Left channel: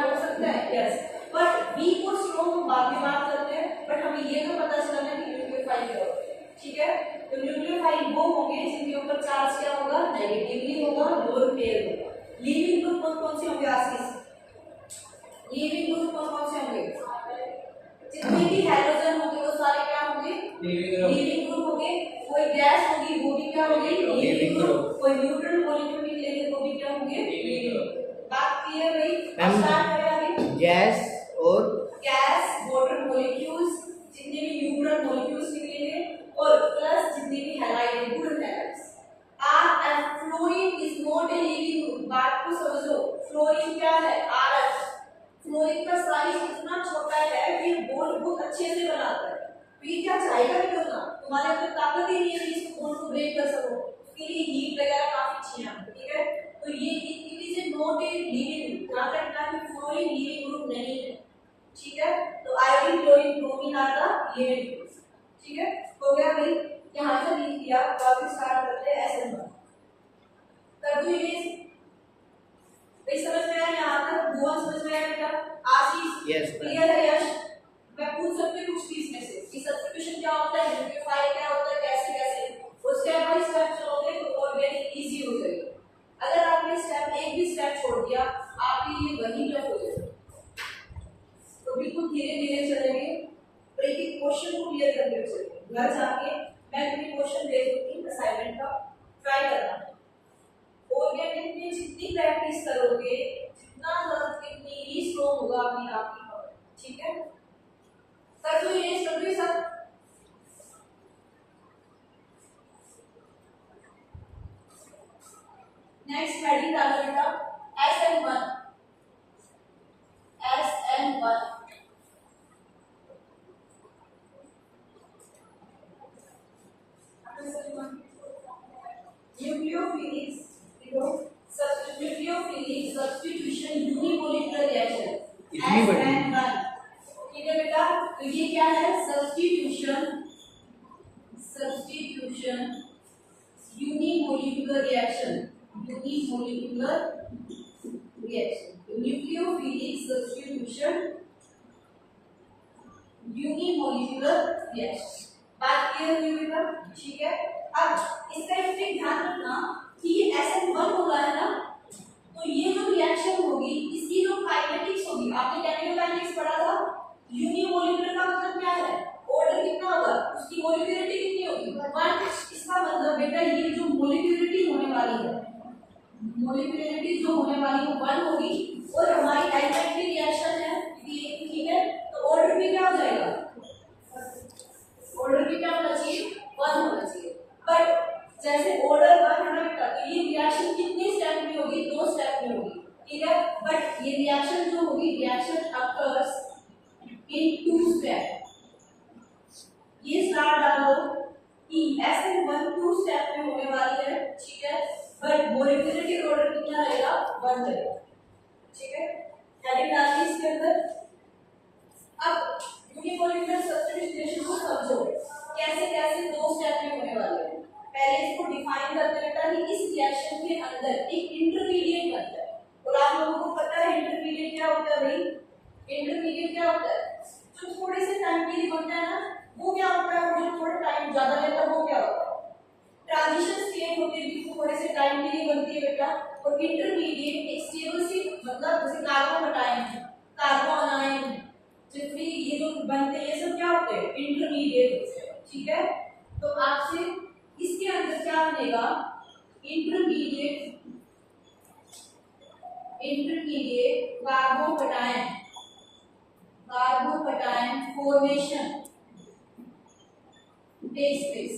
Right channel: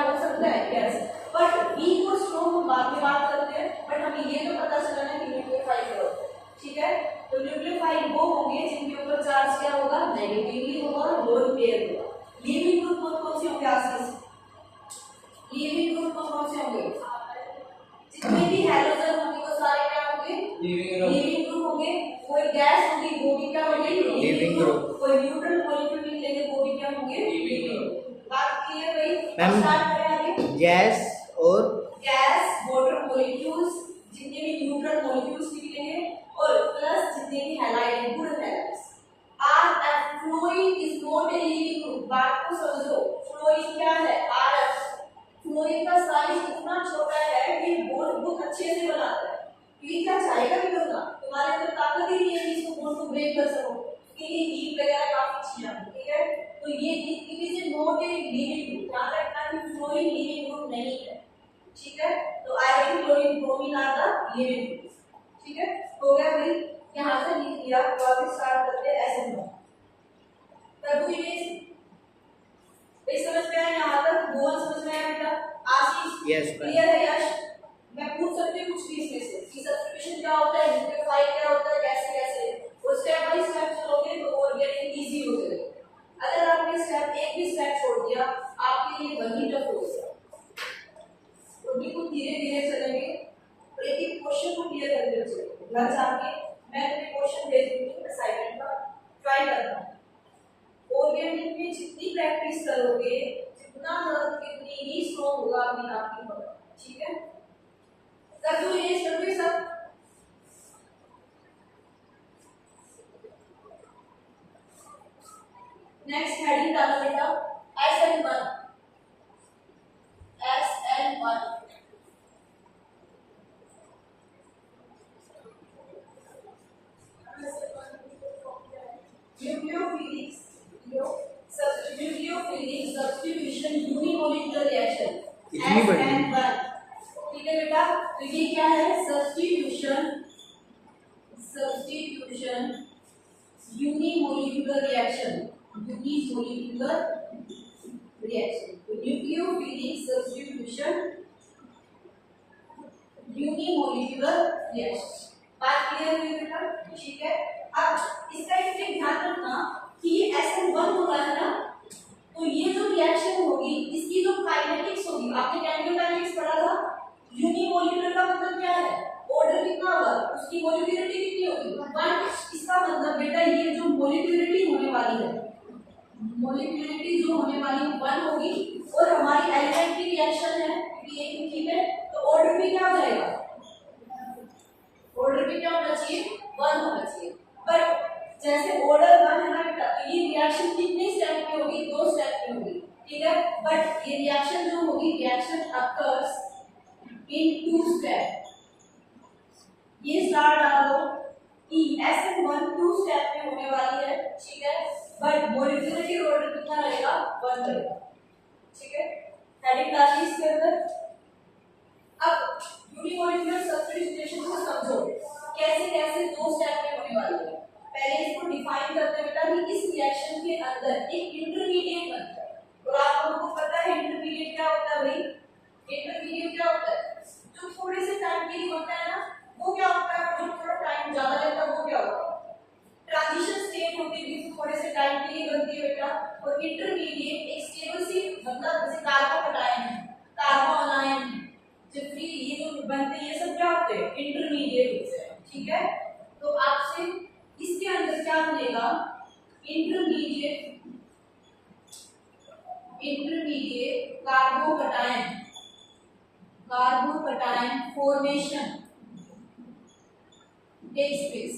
हो सकता है, यस। बट वीक और स्ट्रॉन्ग हम बाद में बात करते हैं, बट हमें ये तो पता चला ना कि न्यूक्लियोफाइल क्या होता है, ठीक है। तो न्यूक्लियोफाइल वो होंगे जिनके ऊपर चार्ज क्या होगा, नेगेटिवली होगा, लोन पेयर होगा। लीविंग ग्रुप कौन से होंगे आशीष? लीविंग ग्रुप कौन से होंगे? जितने भी हैलोजन होंगे वो सारे क्या होंगे, लीविंग ग्रुप होंगे। कोई गैस होगी वो भी क्या होगी, लीविंग ग्रुप। कोई न्यूट्रल मॉलिक्यूल निकलेंगे वो भी क्या होंगे, लीविंग ग्रुप। बात क्लियर हुई? स्टार्ट करें आगे। गैस और गैस, वाटर मॉलिक्यूल्स, जितने भी न्यूट्रल मॉलिक्यूल्स निकलेंगे, और प्लस जितने भी halide good halides. Are fluorine is not a leaving group. बात को समझो, फ्लोरीन क्या है, आरएफ। फ्लोरीन का साइज इतना छोटा है कि बॉन्ड बहुत अच्छे से बनाता है, तो ये क्या चाहेगा भी करना, तुम्हारे अंदर ताकत ही नहीं है कि इसको बॉन्ड को ब्रेक कर सको, उसके लिए हीट वगैरह काफी अच्छी है, ठीक है। तो ये it is a not a leaving group. ध्यान रखना कि फ्लोरीन लीविंग ग्रुप नहीं है, ठीक है। तो iodine, chlorine, bromine are the leaving groups, ठीक है। हो गया भाई, यहां से लिख दिया। तो अब स्टार्ट करते हैं SN1। कार्बोहाइड्रेट भाई समझ में आया यहां तक? गोल समझ में आया बेटा? आशीष यस क्लियर है? यश मैं पूछ सकती हूं कुछ भी इसमें से कि सब्स्टिट्यूशन क्या होता है, न्यूक्लियोफाइल क्या होता है, कैसे और स्टेप बाय स्टेप चलोगे तो ऑर्गेनिक इजी हो जाएगा। अगर आपने स्टेप एक भी स्टेप छोड़ दिया आपके लिए वही टफ हो जाएगा। तो बिल्कुल धीरे धीरे चलेंगे और एक एक क्वेश्चन को क्लियर करते हुए चलेंगे। घर जाके मैं तुम्हें क्वेश्चन भेज दूंगी असाइनमेंट का, ट्राई करना। ऑर्गेनिक में जितनी प्रैक्टिस करोगे जितना कितनी ही स्ट्रॉन्ग होगा अपनी आपकी पकड़, ठीक है। कर दो ये सब। नेक्स्ट हेडिंग डालो बेटा SN1। Nucleophilic substitution unimolecular reaction SN1, ठीक है बेटा। तो ये क्या है, सब्स्टिट्यूशन यूनिमोलिकुलर रिएक्शन। तो न्यूक्लियोफिलिक सब्स्टिट्यूशन यूनिमोलिकुलर रिएक्शन। बात क्लियर हुई बेटा, ठीक है। अब इसका एक ध्यान रखना कि ये SN1 हो रहा है ना, तो ये जो रिएक्शन होगी इसकी जो काइनेटिक्स होगी, आपने केमिकल काइनेटिक्स पढ़ा था। यूनिमोलिकुलर का मतलब क्या है, ऑर्डर कितना होगा, उसकी मोलिकुलरिटी कितनी होगी, 1। इसका मतलब बेटा ये जो मोलिकुलरिटी होने वाली है, मोलिकुलरिटी जो होने वाली है 1 होगी, और हमारी एलिमेंट की रिएक्शन है ये, ठीक है। तो ऑर्डर भी क्या हो जाएगा, ऑर्डर भी क्या होना चाहिए, 1 होना चाहिए। बट जैसे ऑर्डर 1 है ना बेटा, तो ये रिएक्शन कितनी स्टेप में होगी, 2 स्टेप में होगी, ठीक है। बट ये रिएक्शन जो होगी, रिएक्शन अकर्स इन 2 स्टेप। ये स्टार डाल दो कि SN1 2 स्टेप में होने वाली है, ठीक है। बट मोलिकुलरिटी ऑर्डर कितना रहेगा, 1 रहेगा, ठीक है। हेडिंग डालिए इसके अंदर। अब यूनिमोलिकुलर सब्स्टिट्यूशन को समझो कैसे कैसे 2 स्टेप में होने वाली है। पहले इसको डिफाइन करते हैं बेटा कि इस रिएक्शन के अंदर एक इंटरमीडिएट बनता है, और आप लोगों को पता है इंटरमीडिएट क्या होता है भाई। इंटरमीडिएट क्या होता है, जो थोड़े से टाइम के लिए बनता है ना, वो क्या होता है, जो थोड़ा टाइम ज्यादा लेता है वो क्या होता है, ट्रांजिशन स्टेट होती है, वो थोड़े से टाइम के लिए बनती है बेटा। और इंटरमीडिएट एक स्टेबल सी, मतलब जैसे कार्बन हटाएं, कार्बन आयन, जितनी ये जो बनते हैं ये सब क्या होते हैं, इंटरमीडिएट होते हैं, ठीक है। तो आपसे इसके अंदर क्या बनेगा, intermediate carbocation formation takes place.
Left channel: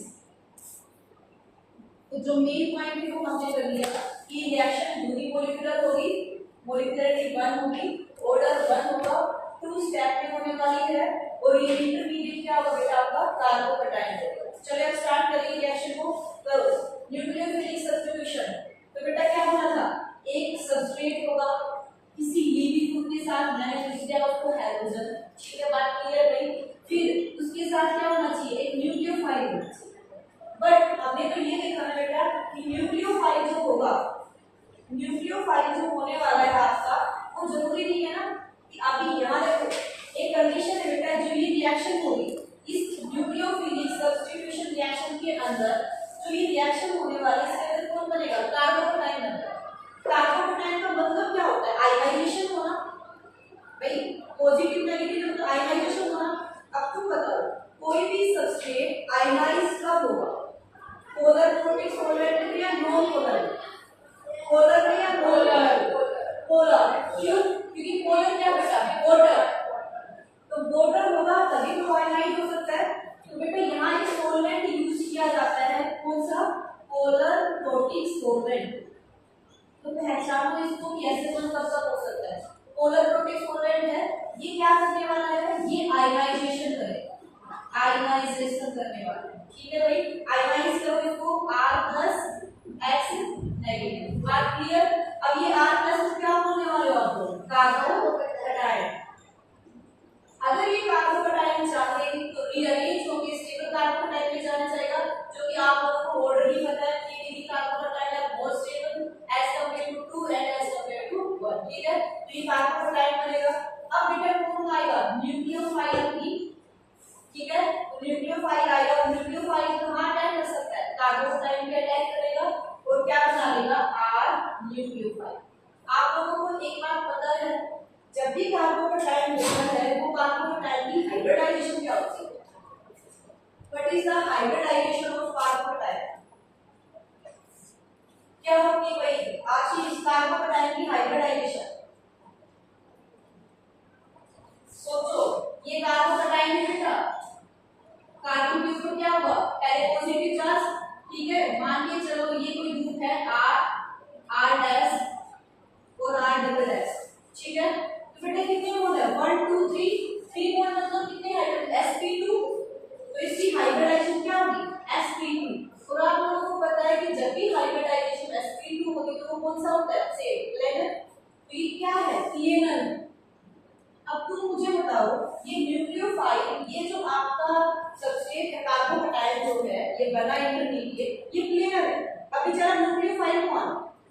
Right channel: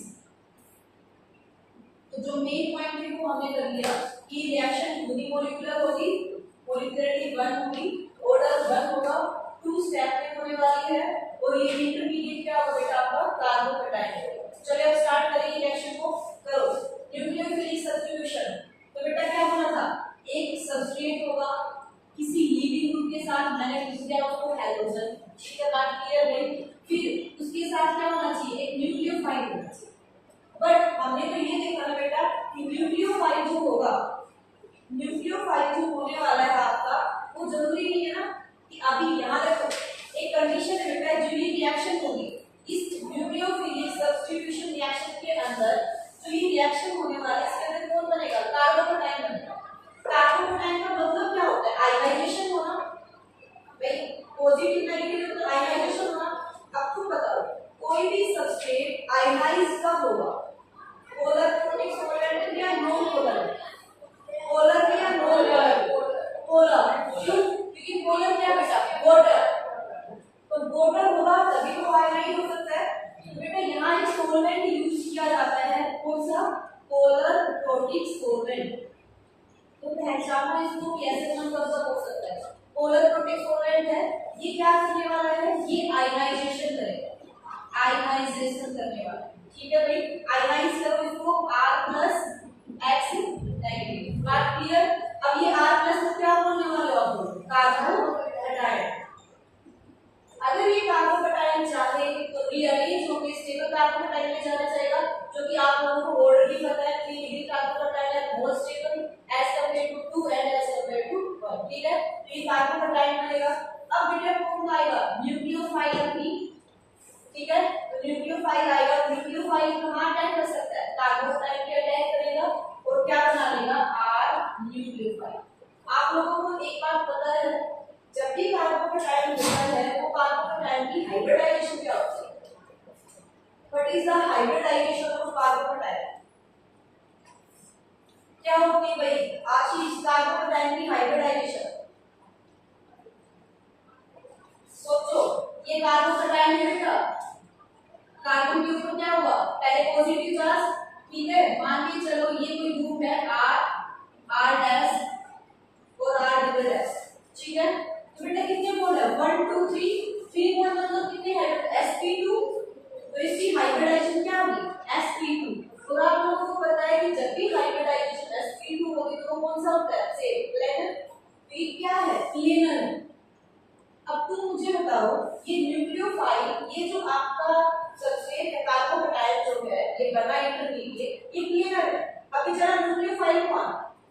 तो जो मेन पॉइंट है वो हमने कर लिया कि रिएक्शन यूनिमोलिकुलर होगी, मोलिकुलरिटी 1 होगी, ऑर्डर 1 होगा, 2 स्टेप में होने वाली है, और ये इंटरमीडिएट क्या होगा बेटा, आपका कार्बोकटायन होगा। चलिए अब स्टार्ट करेंगे रिएक्शन को। करो न्यूक्लियोफिलिक सब्स्टिट्यूशन। तो बेटा क्या होना था, एक सब्सट्रेट होगा किसी लीविंग ग्रुप के साथ, मैंने लिख दिया उसको हैलोजन, ठीक है। बात क्लियर रही। फिर उसके साथ क्या होना चाहिए, एक न्यूक्लियोफाइल होना चाहिए। बट हमने तो ये देखा ना बेटा कि न्यूक्लियोफाइल जो होगा, न्यूक्लियोफाइल जो होने वाला है आपका, वो जरूरी नहीं है ना पॉजिटिव नेगेटिव तो आयनाइजेशन होना। अब तुम बताओ कोई भी सबस्ट्रेट आयनाइज कब होगा, पोलर प्रोटिक सॉल्वेंट में या नॉन पोलर में? पोलर में या नॉन पोलर? पोलर। क्यों? क्योंकि पोलर क्या बेटा, वाटर, तो वाटर होगा तभी तो आयनाइज हो सकता है। तो बेटा यहाँ एक सॉल्वेंट यूज किया जाता है, कौन सा, पोलर प्रोटिक सॉल्वेंट। तो पहचानो इसको कैसे कौन कब हो सकता है। पोलर प्रोटिक सॉल्वेंट है, ये क्या करने वाला है, ये आयनाइजेशन करेगा, आयनाइजेशन करने वाला है। ठीक है भाई, आयनाइज करो इसको R+X नेगेटिव। बात क्लियर? अब ये R+ क्या होने वाले हो आप लोग, कार्बोकटायन। अगर ये कार्बोकटायन चाहे तो रीअरेंज होकर स्टेबल कार्बोकटायन में जाना चाहेगा, जो कि आप लोगों को ऑलरेडी पता है 3 डिग्री कार्बोकटायन है, more stable as compare to 2 and as compare to 1। ठीक है, तो ये कार्बोकटायन बनेगा। अब बेटा कौन आएगा, न्यूक्लियोफाइल भी। ठीक है, तो न्यूक्लियोफाइल आएगा, न्यूक्लियोफाइल कहां अटैक कर सकता है, कार्बोकटायन पे अटैक करेगा और क्या बना लेगा, R न्यूक्लियोफाइल। आप लोगों को एक बात पता है, जब भी कार्बोकटायन होता है वो कार्बोकटायन की हाइब्रिडाइजेशन क्या होती है, what is the hybridisation of carbocation, क्या होती है भाई आशीष, कार्बोकटायन की हाइब्रिडाइजेशन? सोचो, ये कार्बोकटायन है बेटा, कार्बन के ऊपर क्या हुआ, पहले पॉजिटिव चार्ज। ठीक है, मान के चलो ये कोई ग्रुप है R डैश और R डबल डैश। ठीक है, तो बेटा कितने मोल है, 1 2 3 मोल, मतलब कितने है, sp2। तो इसकी हाइब्रिडाइजेशन क्या होगी, sp2। और आप लोगों को पता है कि जब भी हाइब्रिडाइजेशन sp2 होगी तो वो कौन सा होता है, से प्लेनर। तो ये क्या है, प्लेनर। अब तुम मुझे बताओ, ये न्यूक्लियोफाइल, ये जो आपका सबस्ट्रेट है कार्बोकटायन जो है, ये बना इंटरमीडिएट, ये प्लेनर है। अभी जरा न्यूक्लियोफाइल कौन,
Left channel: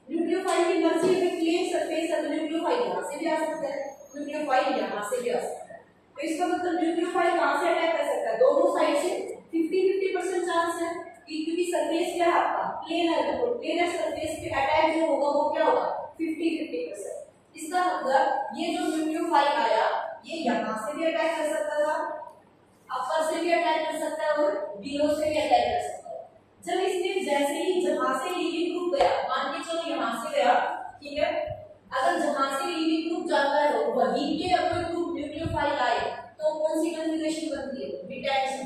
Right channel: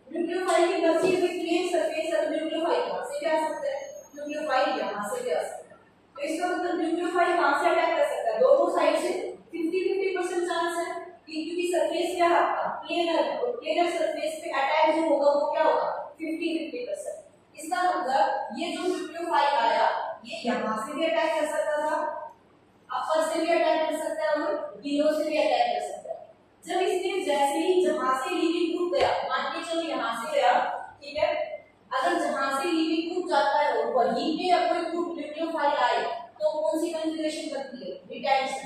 न्यूक्लियोफाइल की मर्जी पे प्लेन सरफेस है, तो न्यूक्लियोफाइल यहां से भी आ सकता है, न्यूक्लियोफाइल यहां से भी आ सकता है। तो इसका मतलब न्यूक्लियोफाइल कहां से अटैक कर सकता है, दोनों साइड से 50-50% चांस है, क्योंकि सरफेस क्या है आपका, प्लेनर है, तो प्लेनर सरफेस पे अटैक जो होगा वो क्या होगा, 50-50%। इसका मतलब ये जो न्यूक्लियोफाइल आया, ये यहां से भी अटैक कर सकता था, अपर से भी अटैक कर सकता है और बिलो से भी अटैक कर सकता है। जब इसने जैसे ही जहां से लीविंग ग्रुप गया, मान के चलो यहां से गया, ठीक है, अगर जहां से लीविंग ग्रुप जाता है वहीं पे अगर ग्रुप न्यूक्लियोफाइल आए तो कौन सी कॉन्फ़िगरेशन बनती है, रिटेंशन।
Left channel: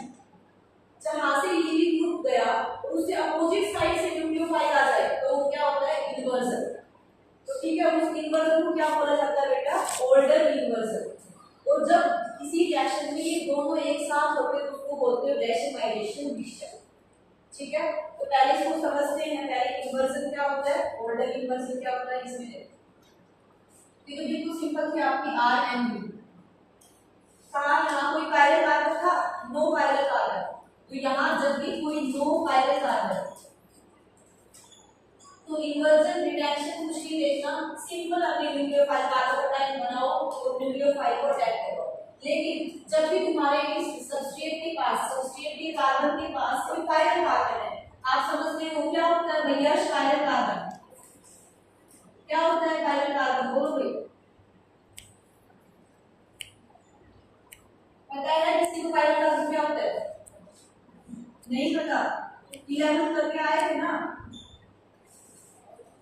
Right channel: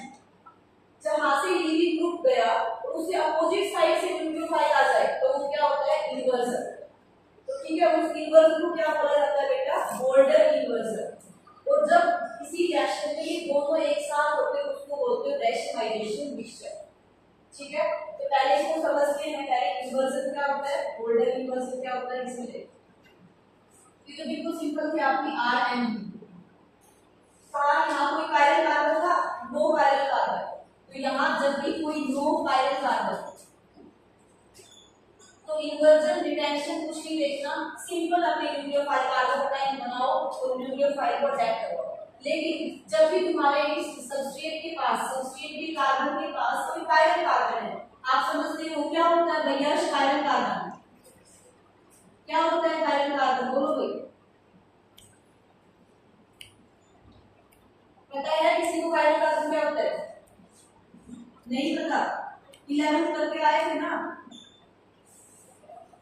जहां से लीविंग ग्रुप गया और उससे अपोजिट साइड से न्यूक्लियोफाइल आ जाए तो वो क्या होता है, इन्वर्जन। तो ठीक है, उस इन्वर्जन को क्या बोला जाता है बेटा, बोल्डर इन्वर्जन। और जब किसी रिएक्शन में ये दोनों एक साथ होते हैं उसको बोलते हैं रेशनलाइजेशन मिक्सचर। ठीक है, तो पहले इसको समझते हैं, पहले इन्वर्जन क्या होता है, बोल्डर इन्वर्जन क्या होता है, इसमें देखो। ये तो बिल्कुल सिंपल थी आपकी RMU। यहाँ कोई कायरल कार्बन था, नो कायरल कार्बन, तो यहाँ जब भी कोई नो कायरल कार्बन, तो इन्वर्जन रिटेंशन कुछ भी देखना, सिंपल अपने न्यूक्लियोफाइल कार्बोकटायन बनाओ और न्यूक्लियोफाइल को अटैक करो। लेकिन जब भी तुम्हारे इस सबस्ट्रेट के पास, सबस्ट्रेट के कार्बन के पास कोई कायरल कार्बन है, आप समझते हो क्या होता है भैया, कायरल कार्बन क्या होता है, कायरल कार्बन बोलो भाई, पता है किसी को कायरल कार्बन क्या होता है, नहीं पता, 11th करके आए थे ना।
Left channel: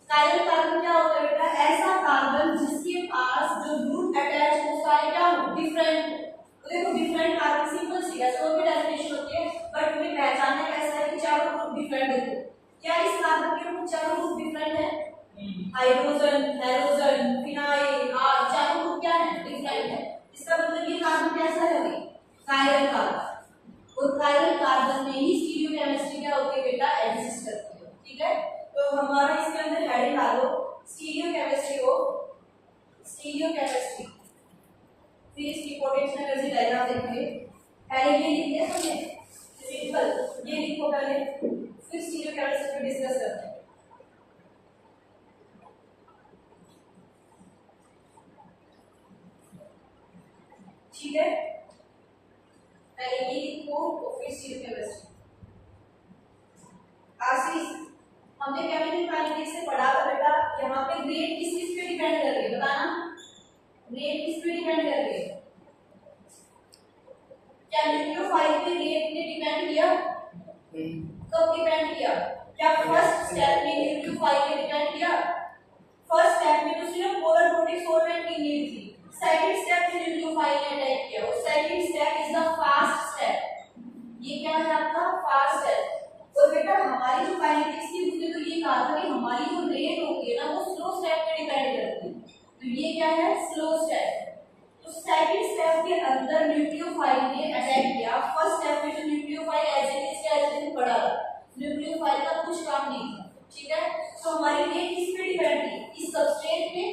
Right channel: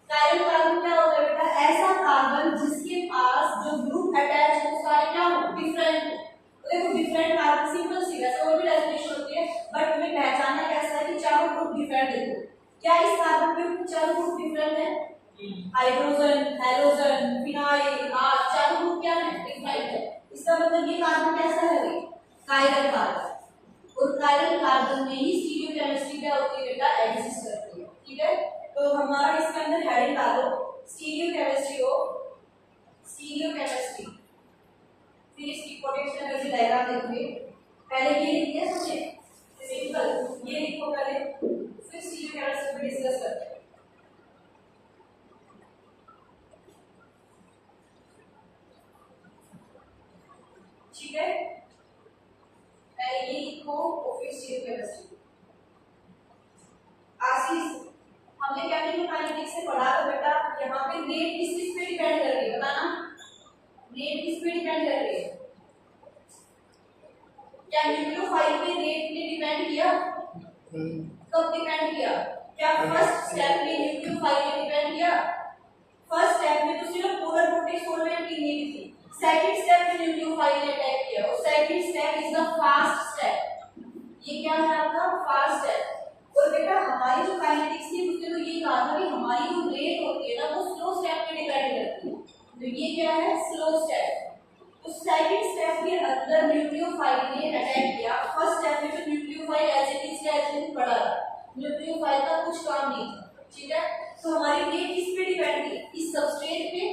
कायरल कार्बन क्या होता है बेटा, ऐसा कार्बन जिसके पास जो ग्रुप अटैच हो सारे क्या हो, डिफरेंट। तो देखो डिफरेंट कार्बन सिंपल सी है, और भी डेफिनेशन होती है, बट हमें पहचानना कैसा है कि चारों ग्रुप डिफरेंट है। क्या इस कार्बन के चारों ग्रुप डिफरेंट है, हाइड्रोजन, हेलोजन, फिनाइल, आर, चारों ग्रुप क्या है, डिफरेंट है। इसका मतलब ये कार्बन कैसा है भाई, कायरल कार्बन। और कायरल कार्बन में ही स्टीरियोकेमिस्ट्री क्या होती है बेटा, एग्जिस्ट करती है। ठीक है, तो हमारा इसके अंदर हेडिंग डालो स्टीरियोकेमिस्ट्री हो, स्टीरियोकेमिस्ट्री। फिर इसकी पोटेंशियल एनर्जी डायग्राम देखेंगे। पहले ये लिख लिया हमने सिंपल, ये लिखो पहले, फिर स्टीरियोकेमिस्ट्री पे डिस्कस करते हैं। ठीक है, पहले ये लिखो और फिर स्टीरियोकेमिस्ट्री। आशीष, हमने केमिकल काइनेटिक्स से पढ़ा था बेटा, यहाँ पे ग्रेड किस पे डिपेंड कर रही है बताना, ग्रेड किस पे डिपेंड कर रही है, कब डिपेंड किया? क्या फर्स्ट स्टेप में न्यूक्लियोफाइल ने डिपेंड किया? फर्स्ट स्टेप में तो सिर्फ पोलर वोल्टेज सॉल्वेंट की नीड थी। सेकंड स्टेप में न्यूक्लियोफाइल ने अटैक किया और second step is the fast step. ये क्या है आपका फास्ट स्टेप। और बेटा हमारी जो काइनेटिक्स थी उसने तो ये कहा था कि हमारी जो रेट होती है ना वो स्लो स्टेप पे डिपेंड करती है, तो ये क्या है स्लो स्टेप। तो सेकंड स्टेप के अंदर न्यूक्लियोफाइल ने अटैक किया। फर्स्ट स्टेप में तो न्यूक्लियोफाइल एज इट पड़ा, न्यूक्लियोफाइल का कुछ काम नहीं था, ठीक है। तो हमारी रेट किस पे डिपेंड थी? इस सबस्ट्रेट पे।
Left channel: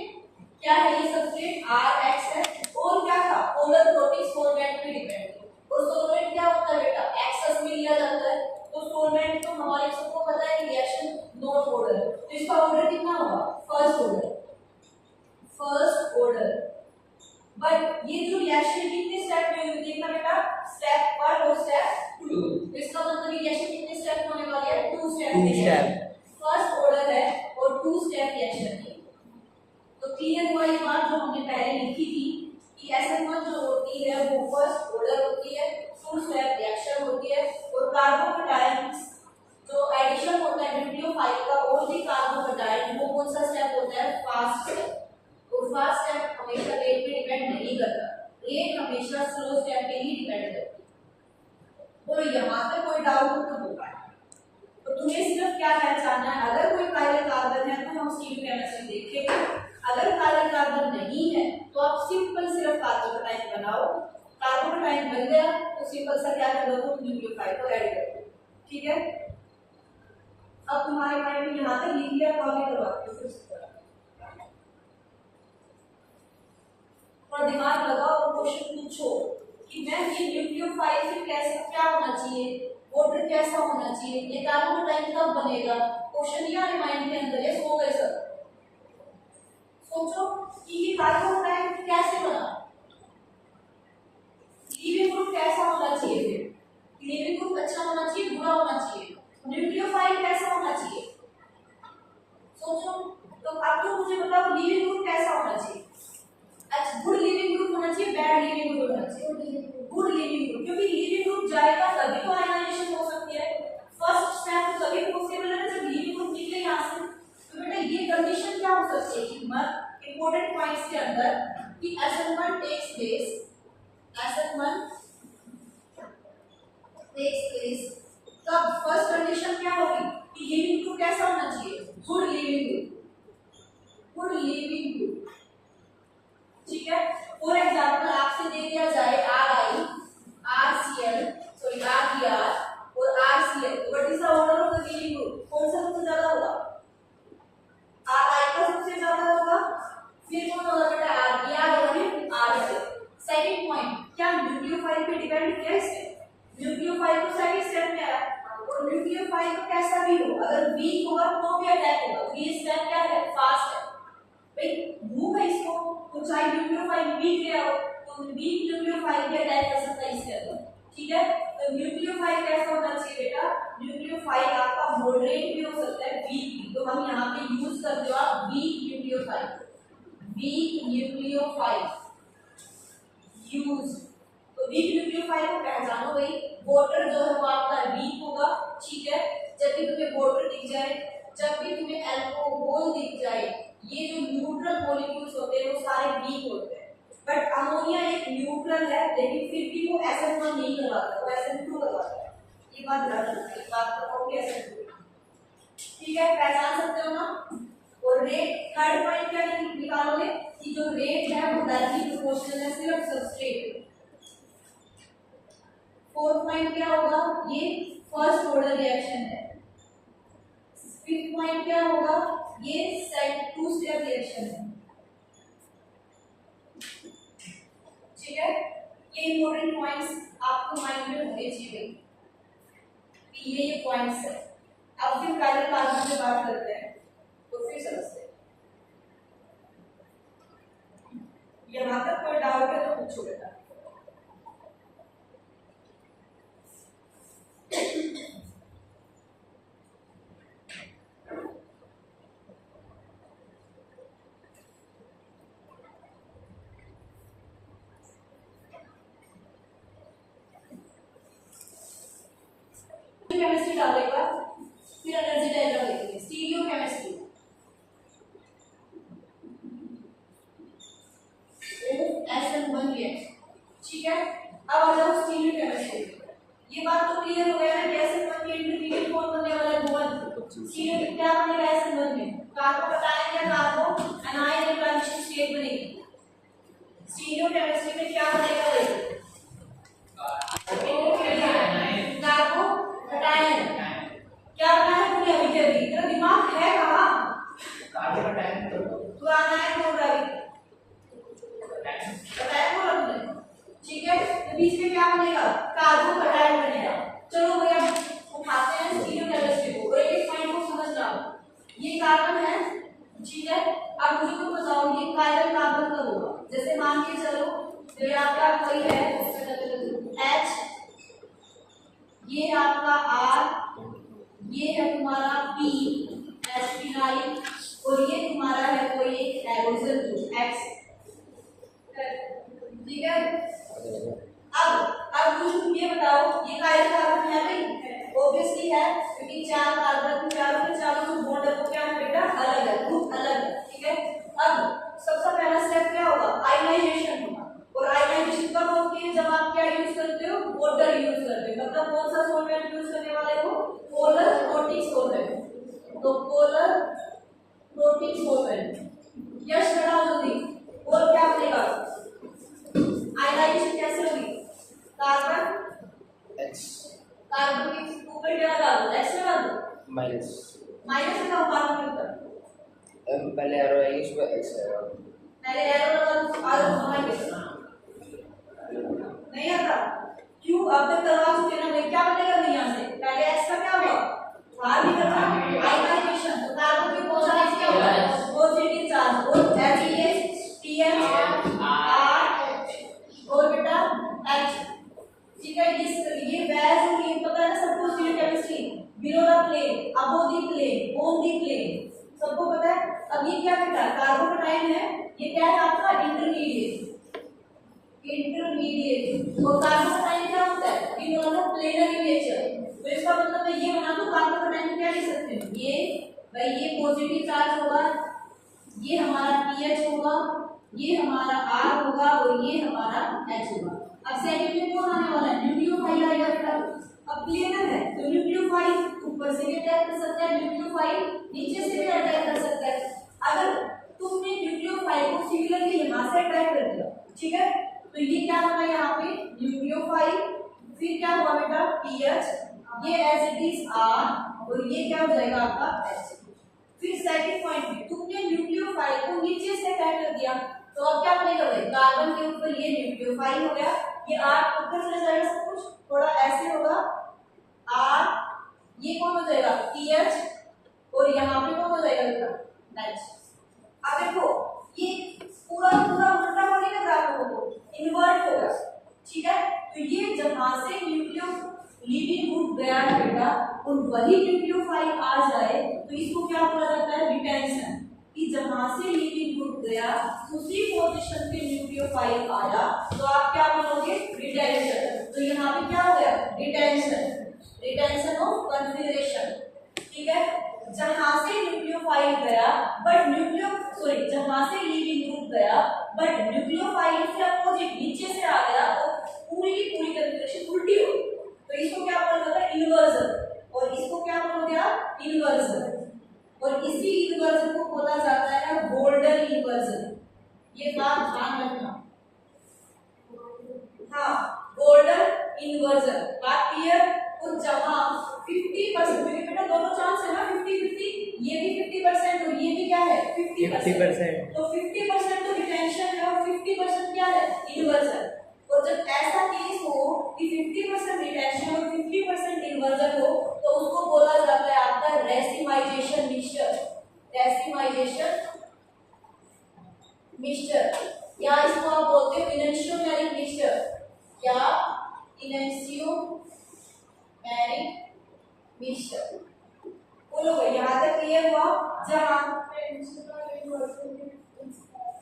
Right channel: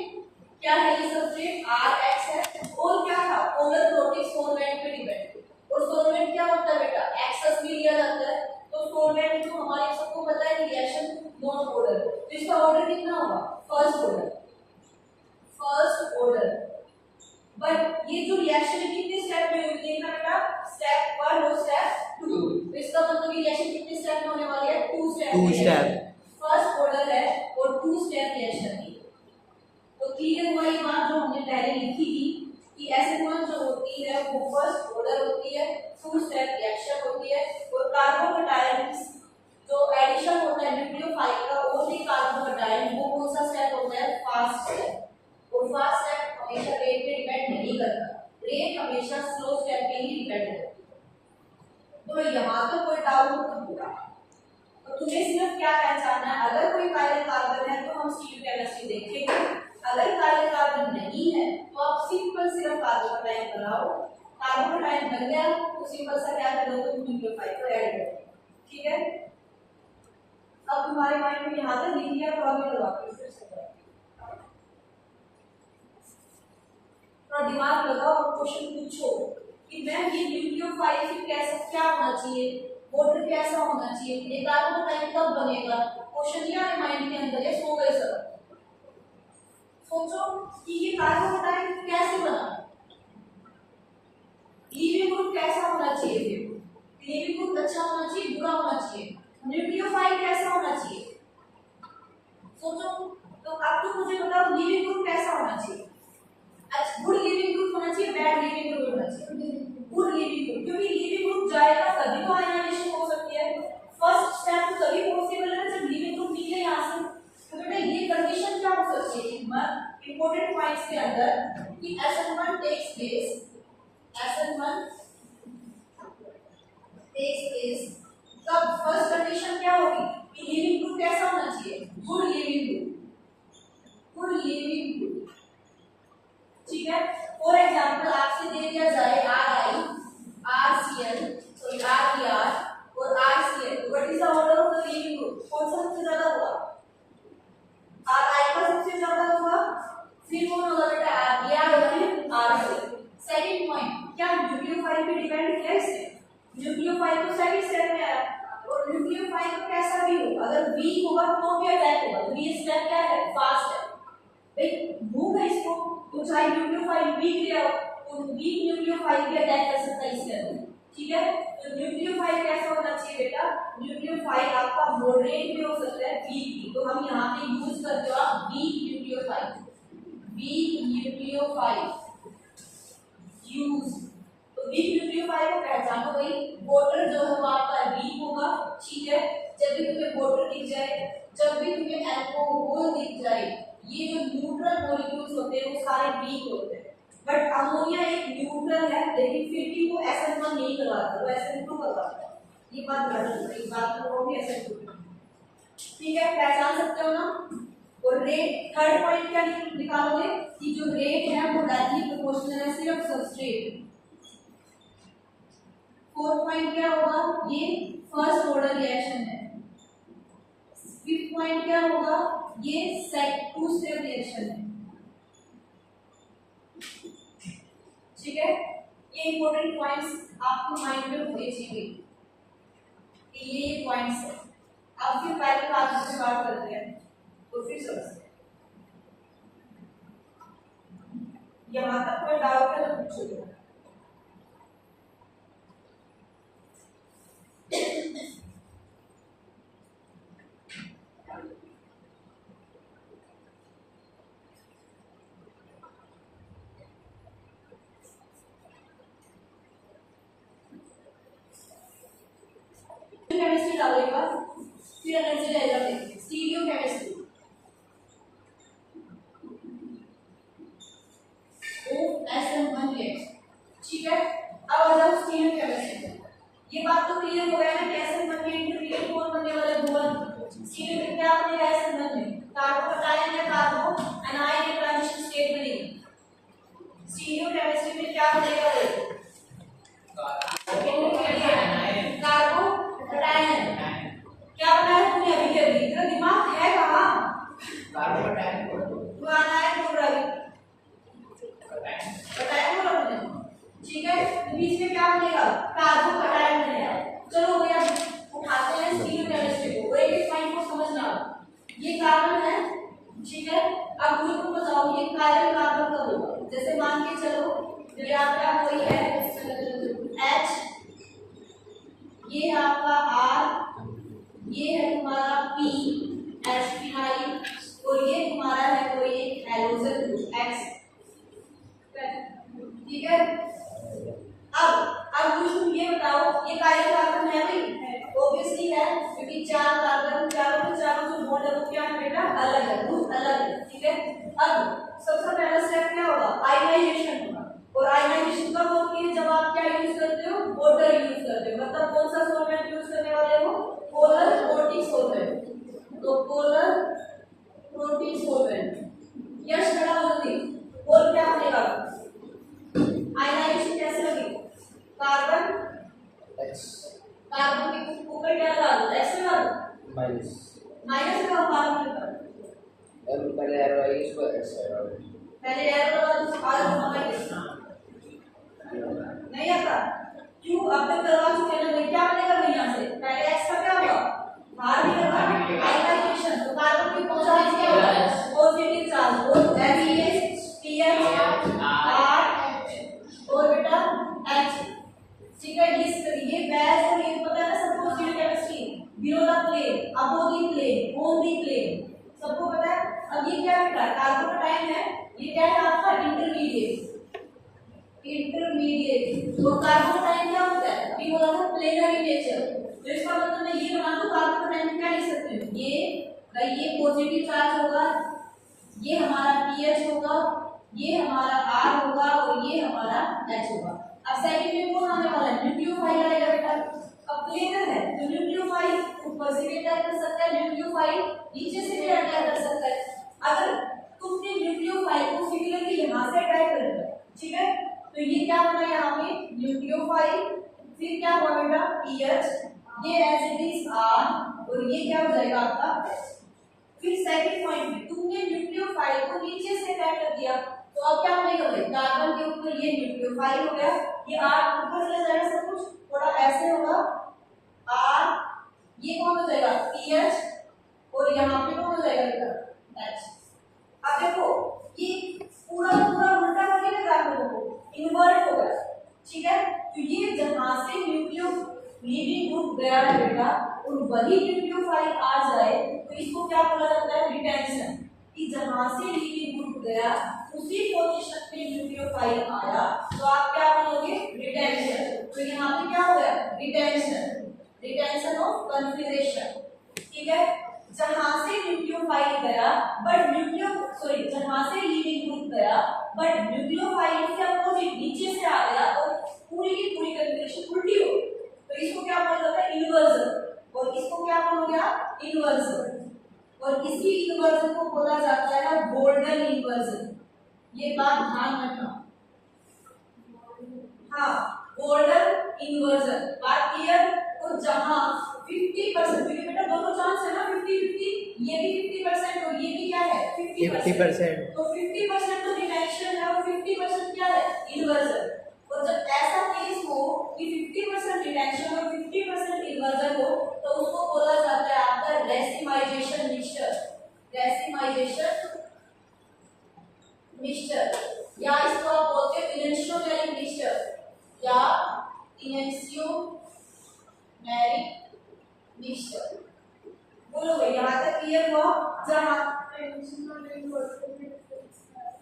क्या है ये सबस्ट्रेट? Rx है। और क्या था? पोलर वोल्टेज सॉल्वेंट पे डिपेंड थी। और सॉल्वेंट क्या होता है बेटा? एक्सेस में लिया जाता है। तो सॉल्वेंट तो हमारे सबको पता है रिएक्शन नॉट ऑर्डर, तो इसका ऑर्डर कितना होगा? First order, first order. But ये जो रिएक्शन कितने स्टेप में हुई देखना बेटा, स्टेप 1 और स्टेप 2। तो इसका मतलब ये रिएक्शन कितने स्टेप में होने वाली है? 2 स्टेप में। फर्स्ट ऑर्डर है और 2 स्टेप रिएक्शन है। तो क्लियर हुआ ये बात जो हमने पहले लिखी थी कि SN1 जो होती है वो फर्स्ट ऑर्डर होती है, 2 स्टेप रिएक्शन होती है। और कार्बोकेटायंस जो एडिशन होता है न्यूक्लियोफाइल का और भी कार्बोकेटायन वो कौन सा स्टेप होता है? Fast step. और फास्ट स्टेप हमेशा रेट पे डिपेंड नहीं करता, रेट हमेशा स्लो स्टेप पे ही डिपेंड करती है। तो यहाँ पे कोई डाउट तो होगा। तो तुम्हें सिर्फ क्या पहचानना है, अगर कोई काइरल कार्बन है तो हम स्टीरियो केमिस्ट्री देखेंगे, अगर काइरल कार्बन नहीं है तो आप सिर्फ कार्बोकेटायन बनाओ। कार्बोकेटायन बन गया तो सिंपल सा क्या कर दो, तुम न्यूक्लियोफाइल को ऐड कर दो, ठीक है। अब तुम्हारे माइंड में यहाँ तक लिख लिया, प्रॉब्लम करवाती हूँ फिर से थोड़ा दिमाग लगाओ और क्वेश्चन पूछो कि मैम ये न्यूक्लियोफाइल से कैसा क्या होना चाहिए, वाटर कैसा होना चाहिए, ये कार्बोकेटायन कब बनेगा। क्वेश्चन ये हमारे माइंड के अंदर है, सो गए सब। सोचो कि ये कार्बोकेटायन कैसे बना, लीविंग ग्रुप कैसा होना चाहिए, फिर लीविंग ग्रुप अच्छा होना चाहिए बुरा होना चाहिए, न्यूक्लियोफाइल कैसा होना चाहिए। सोचो तो अब तो मुझे बताओ लीविंग ग्रुप कैसा होना चाहिए। अच्छा गुड लिविंग ग्रुप होना चाहिए, बैड लिविंग ग्रुप होना चाहिए? गुड लिविंग ग्रुप, क्योंकि लिविंग ग्रुप जाएगा तभी तो आयनाइजेशन हो सकती है। फर्स्ट स्टेप तो तभी पॉसिबल है जब लिविंग ग्रुप निकले यहाँ से। तो बेटा ये कंडीशन क्या हो सकती है कि इंपॉर्टेंट पॉइंट्स के अंदर कि SN1 takes place, SN1 takes place तब फर्स्ट कंडीशन क्या होगी कि लिविंग ग्रुप कैसा होना चाहिए? Good leaving group, good leaving group, ठीक है। फॉर एग्जांपल आपसे दे दिया जाए RI, RCl, सॉरी RBr और RCl, what is the order of the leaving group? कौन सा सबसे ज्यादा होगा? RI का सबसे ज्यादा होगा, फिर कौन होगा बेटा? RBr और फिर RCl। सेकंड पॉइंट, क्या न्यूक्लियोफाइल पे डिपेंड किया इससे? न्यूक्लियोफाइल तो सेकंड स्टेप में है और न्यूक्लियोफाइल तो कैसा भी हो अगर वीक होगा तो भी अटैक होगा, तो ये स्टेप क्या है? फास्ट है। भाई भूख है इसको तो चाहे न्यूक्लियोफाइल वीक ले आओ तो वीक न्यूक्लियोफाइल भी अटैक कर सकता है इसके अंदर, ठीक है। तो न्यूक्लियोफाइल कैसा होना चाहिए बेटा? न्यूक्लियोफाइल आपका मॉडरेट भी हो सकता है, वीक भी। तो हम यहाँ पे यूज करते हो आप weak nucleophile, weak nucleophile use. तो वीक न्यूक्लियोफाइल को पहचानो भाई, वाटर जो है वो आपका वीक होगा, ठीक है। जब भी तुम्हें वाटर दिख जाए, जब भी तुम्हें अल्कोहल दिख जाए, ये जो न्यूट्रल मॉलिक्यूल्स होते हैं वो सारे वीक होते हैं। बट अमोनिया एक न्यूट्रल है लेकिन फिर भी वो SN1 नहीं करवाता, वो SN2 करवाता है। ये बात ध्यान रखना, इस बात को कहोगे SN2, ठीक है, पहचान सकते हो ना। और रेट, थर्ड पॉइंट क्या निकालोगे कि जो रेट है वो डायरेक्टली प्रोपोर्शनल है सिर्फ सबस्ट्रेट। फोर्थ पॉइंट क्या होगा? ये फर्स्ट ऑर्डर रिएक्शन है। फिफ्थ पॉइंट क्या होगा? ये सेट 2 स्टेप रिएक्शन है, ठीक है। ये इंपॉर्टेंट पॉइंट्स आपको माइंड में होने चाहिए कि ये पॉइंट्स है। अब फिर पहले क्लास में बात करते हैं तो फिर समझते हैं। यहाँ तक कोई डाउट है तो पूछो बेटा। केमिस्ट्री जो आपका कोई है H, ये आपका R, ये है तुम्हारा P H और ये तुम्हारा है कोई एक हैलोजन ग्रुप X, ठीक है। अब तुम ये बताओ ये कार्बन कार्बन है भाई, ऑब्वियसली है क्योंकि चार कार्बन चारों के चारों जो बॉन्ड है वो क्या है बेटा अलग है, ग्रुप अलग है, ठीक है। अब सबसे पहला स्टेप क्या होगा, आयनाइजेशन होगा। और आयनाइजेशन कब होती है, जब आप क्या यूज करते हो, वाटर यूज करते हो, मतलब कौन सा सॉल्वेंट यूज करने वाले हो, पोलर प्रोटिक सॉल्वेंट। तो पोलर प्रोटिक सॉल्वेंट यश खड़ा हो जल्दी, और क्या बनेगा, आयनाइजेशन कैसे होगी, कार्बन X कार्बन के ऊपर क्या लगा दो, एक्स लगा दो, माइनस माइनस लगाओ कार्बन के ऊपर, पहले एरो आएगी उसके बाद X एरो पहले एरो लगा दो कार्बन हमारे नहीं आता क्यों, अब तक करवा चुके हैं ना भाई, क्या बनेगा भाई यहाँ से, पहले एक्स का क्या होगा बाहर निकलना, आयनाइजेशन, तो कार्बन की चार्ज क्या होगा, पॉजिटिव चार्ज, और NaCH R और बेटा H, ठीक है। ये वैज और ये पता है ना सबको, stereo chemistry, below the plane, above the plane, on the plane, सबको पता है। अब ये क्या बेटा कार्बन का टाइम है, ये क्या है आपका इंटरमीडिएट, इंटरमीडिएट, और कार्बन का टाइम क्या होता है, ये बोला था प्लेनर नेचर, तो इसका मतलब मैं ये बना दूं कार्बन का टाइम क्या लिख सकते हैं, ये भाई ये पॉजिटिव चार्ज होगा, ये हमारा पीएच होगा, ये हमारा R होगा और ये हमारा H होगा। अब सेकंड में कौन आने वाला है, न्यूक्लियोफाइल आएगा बेटा। अब प्लेनर है तो न्यूक्लियोफाइल ऊपर से भी अटैक कर सकता है, न्यूक्लियोफाइल नीचे से भी अटैक कर सकता है। अगर तुमने न्यूक्लियोफाइल को सिमिलरली यहां से अटैक कर दिया, ठीक है, तो ये क्या होगा यहाँ पे न्यूक्लियोफाइल, फिर क्या हुआ बेटा पीएच, ये एज इट इज R और ये क्या हो जाएगा आपका H। फिर सेकंड पॉइंट में तुमने न्यूक्लियोफाइल को नीचे से अटैक कर दिया, तो अब क्या बनेगा भाई, कार्बन के ऊपर ये न्यूक्लियोफाइल हो गया, ये R ऊपर चले जाएगा, सब कुछ थोड़ा ऐसे होगा R, ये कौन हो जाएगा PH और यहाँ पे कौन हो जाएगा बेटा H। अब देखो ये पूरा पूरा उल्टा हो गया कार्बन को, इन्वर्ट हो गया, ठीक है। तो ये जहां से न्यूक्लियो लीविंग ग्रुप गया है बेटा, और वही न्यूक्लियोफाइल आ जाए तो इसको क्या बोला जाता है, रिटेंशन, कि जहां से लीविंग ग्रुप गया उसी पोजीशन पे न्यूक्लियोफाइल आया तो आप क्या बोलोगे, रिटेंशन। तो यहाँ पे क्या हो गया, रिटेंशन, रिटेंशन ऑफ कॉन्फिगरेशन, ठीक है। जहां से न्यूक्लियोफाइल गया बट जहां से लीविंग ग्रुप गया बट न्यूक्लियोफाइल से अपोजिट नीचे से आ गया और पूरी की पूरी कॉन्फिगरेशन उल्टी हो, तो इसको क्या बोला जाता है, इन्वर्जन, और इसको क्या बोलोगे आप, इन्वर्जन, और इसी इन्वर्जन को बोला जाता है गोल्डन इन्वर्जन। ये बात ध्यान रखना, हाँ गोल्डन इन्वर्जन, बात क्लियर। और जहां 50%, क्योंकि बेटा दोनों चांस है ना 50-50, ये भी 50% और ये भी क्या है 50%, तो 50% तो रिटेंशन है और 50% क्या है इन्वर्जन। और जब ऐसा केस हो कि 50% रिटेंशन और 50% इन्वर्जन हो तो उसको बोला जाता है आपका रेसिमाइजेशन मिक्सचर, रेसिमाइजेशन मिक्सचर, या इसको आप बोलते हैं इनेंशियोमेरिक मिक्सचर या इनेंशियोमेरिक मिक्सचर। बोलो भाई यहाँ तक क्लियर हुआ। जहाँ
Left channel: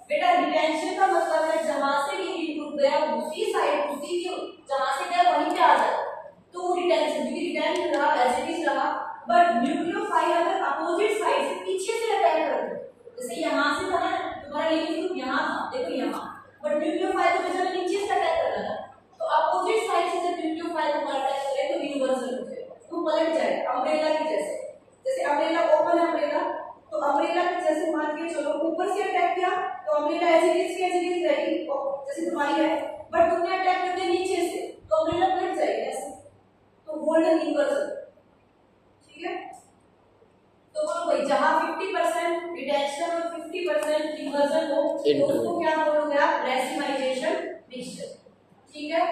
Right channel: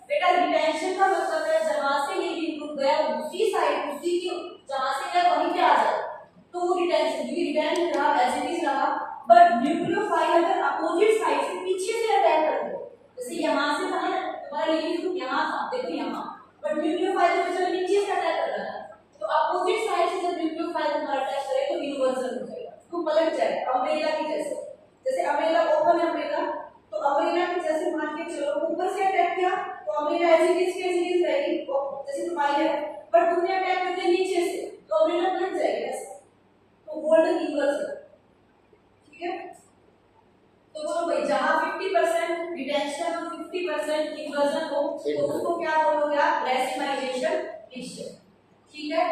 बेटा रिटेंशन का मतलब है जहां से ये इनपुट गया उसी साइड, उसी की जहां से गया वहीं पे आ जाए, तो वो रिटेंशन, क्योंकि रिटेंशन रहा एज इट इज रहा, बट न्यूक्लियोफाइल अगर अपोजिट साइड से पीछे से अटैक कर दे, जैसे यहां से था ना तुम्हारा ये ग्रुप यहां था, देखो यहां, बट न्यूक्लियोफाइल तो जब नीचे से अटैक कर रहा है, तो अपोजिट साइड से जब न्यूक्लियोफाइल तुम्हारा अटैक करे तो इन्वर्जन हो जाएगा, तो पलट जाएगा अम्ब्रेला की जैसे, जैसे अम्ब्रेला ओपन है अम्ब्रेला, तो अम्ब्रेला के जैसे मान के चलो ऊपर से अटैक किया तो अम्ब्रेला एज इट इज रहेगी जैसे तुम्हारी है, बट तुमने अटैक कर दिया नीचे से तो अम्ब्रेला पलट जाएगी ऐसे, तो गोल्डन इन्वर्जन, ठीक है। तो बोलो भाई जहां 50% रिटेंशन और 50% इन्वर्जन हो तो उसको क्या बोलोगे आप, रेसिमाइजेशन मिक्सचर, ठीक है,